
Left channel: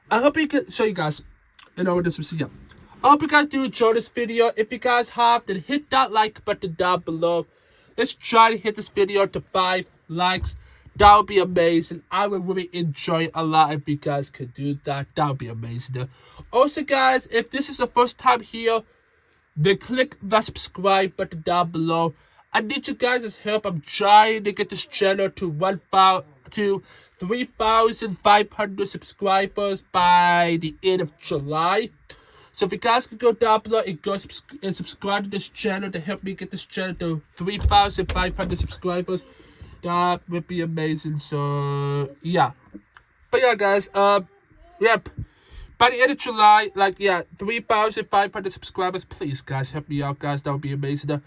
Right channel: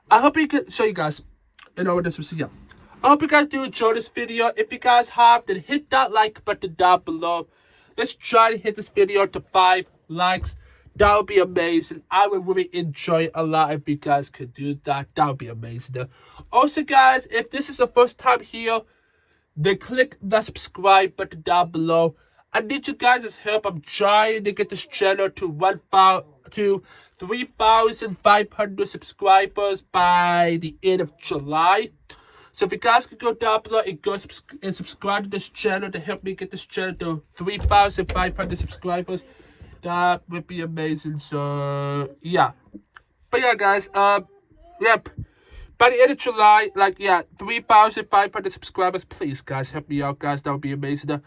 I hope you can show you guys. You know what this was. Yeah. I hope you guys do enjoy this video. If you guys have, then hit that like button down below. Let's try to hit this video to 5 likes. That would be amazing. I would really enjoy it a lot if you guys could do that. That would be amazing. Also, guys, if this is the first time here, then click the subscribe button down below. I need you guys' help. I'm trying to get this channel to 3,500 subscribers by the end of July. So if you guys could go down below and go and subscribe to this channel to help me get this channel to 3,500 subscribers, that would be amazing. So yeah, but yeah, guys, yep. By the end of July, 3,500 subscribers. Please, guys, help me out, guys. That would be amazing.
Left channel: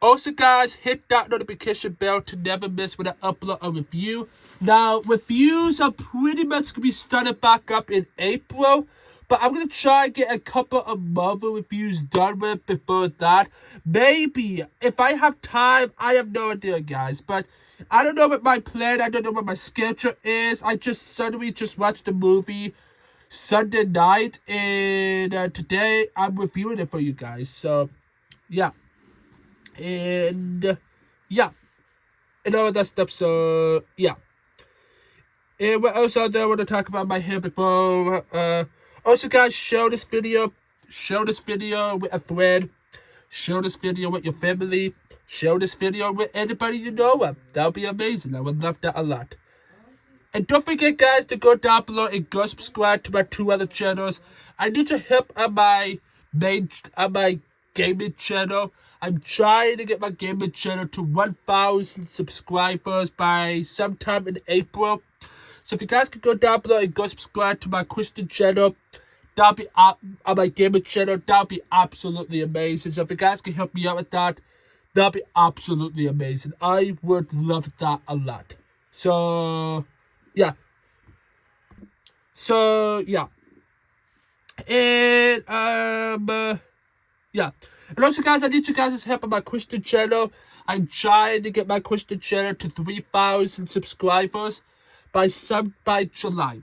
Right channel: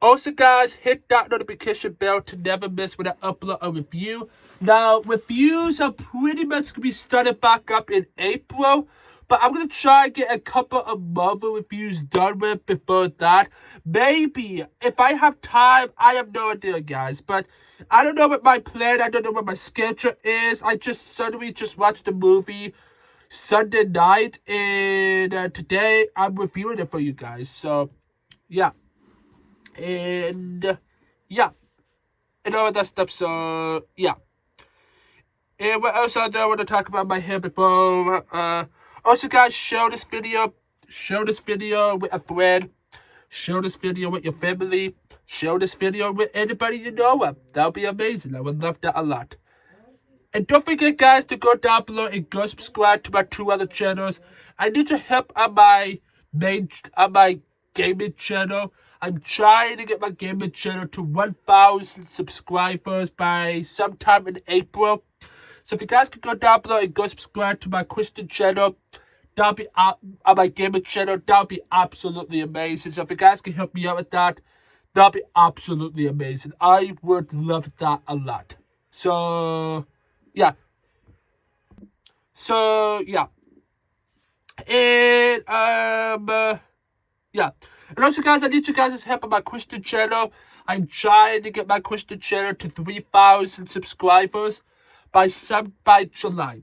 Also, guys, hit that notification bell to never miss when I upload a review. Now, reviews are pretty much going to be started back up in April. But I'm going to try and get a couple of Marvel reviews done with before that. Maybe, if I have time, I have no idea, guys. But I don't know what my plan, I don't know what my schedule is. I just suddenly watched the movie Sunday night, and today I'm reviewing it for you guys. So, yeah. And, yeah. And all that stuff, so, yeah. And what else I want to talk about my hair before, also, guys, share this video with a friend, share this video with your family, share this video with anybody you know. That would be amazing. I would love that a lot. And don't forget, guys, to go down below and go subscribe to my 2 other channels. I need your help on my gaming channel. I'm trying to get my gaming channel to 1,000 subscribers by sometime in April. So if you guys could go down below and go subscribe to my Christian channel, that'll be on my gaming channel. That'll be absolutely amazing. So if you guys can help me out with that, that'll be absolutely amazing. I would love that a lot. So yeah. And yeah. And also, guys, I need you guys' help on my Christian channel. I'm trying to get my Christian channel to 3,000 subscribers by July.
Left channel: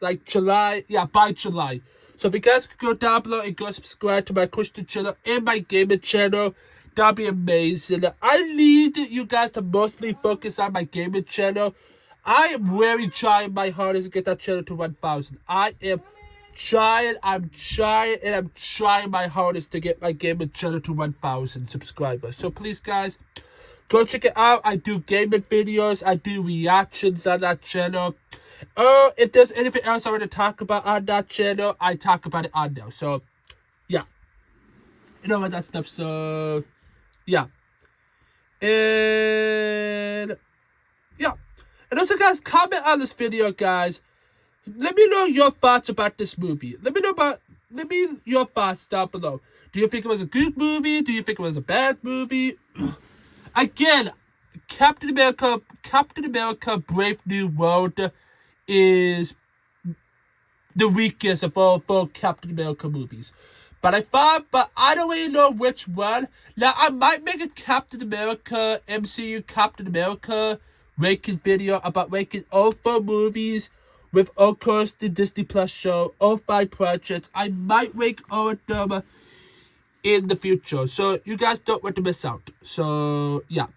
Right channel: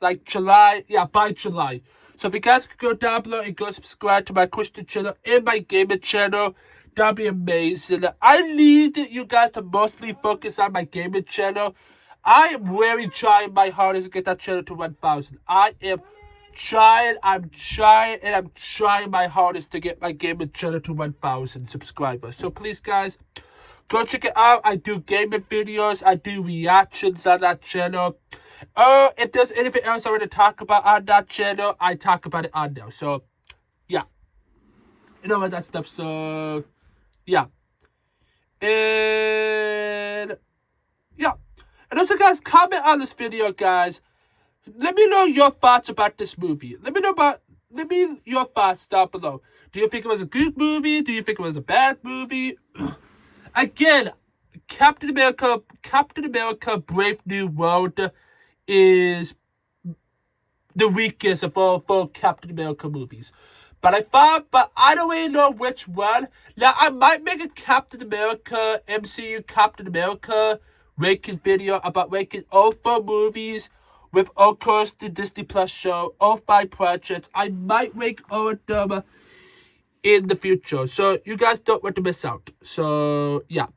Like July, yeah, by July. So if you guys could go down below and go subscribe to my Christian channel and my gaming channel, that'd be amazing. I need you guys to mostly focus on my gaming channel. I am really trying my hardest to get that channel to 1,000. I'm trying my hardest to get my gaming channel to 1,000 subscribers. So please, guys, go check it out. I do gaming videos. I do reactions on that channel. If there's anything else I want to talk about on that channel, I talk about it on there. So, yeah. You know all that stuff. So, yeah. And, yeah. And also, guys, comment on this video, guys. Let me know your thoughts about this movie. Let me your thoughts down below. Do you think it was a good movie? Do you think it was a bad movie? Again, Captain America Brave New World is the weakest of all 4 Captain America movies. But I don't really know which one. Now, I might make a Captain America, MCU Captain America ranking video about ranking all 4 movies with, of course, the Disney Plus show, all 5 projects. I might rank all of them in the future. So, you guys don't want to miss out. So, yeah.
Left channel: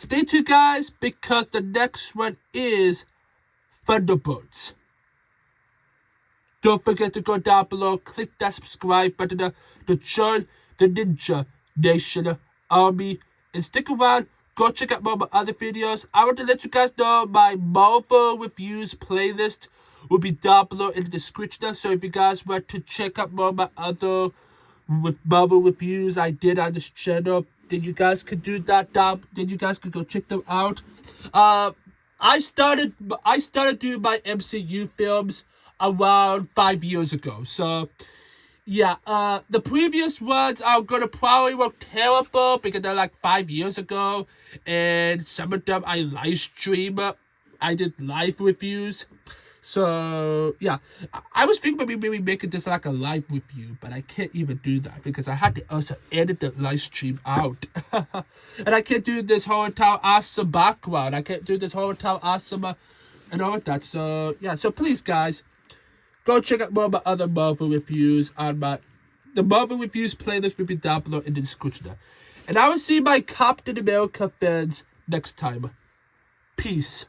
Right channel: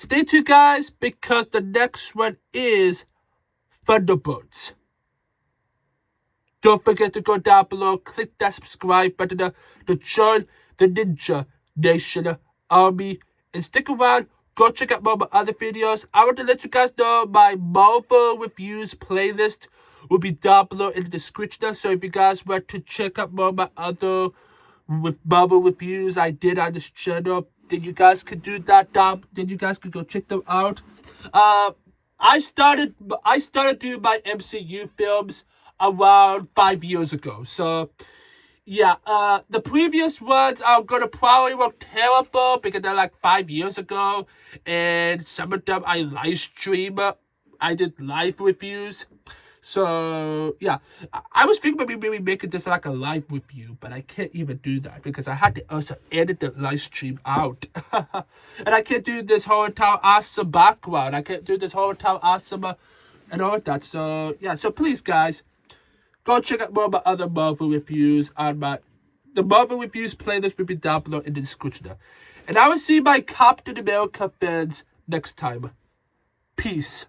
Stay tuned, guys, because the next one is Thunderbolts. Don't forget to go down below, click that subscribe button to join the Ninja Nation Army, and stick around. Go check out more of my other videos. I want to let you guys know my Marvel reviews playlist will be down below in the description. So if you guys want to check out more of my other Marvel reviews I did on this channel, then you guys could do that down. Then you guys could go check them out. I started doing my MCU films around 5 years ago. So yeah, the previous ones are gonna probably look terrible because they're like 5 years ago, and some of them I live stream. I did live reviews. So yeah, I was thinking maybe making this like a live review, but I can't even do that because I had to also edit the live stream out. And I can't do this whole entire awesome background. I can't do this whole entire awesome and all of that. So yeah, so please, guys, go check out more of my other Marvel reviews on the Marvel reviews playlist will be down below in the description. And I will see my Captain America fans next time. Peace.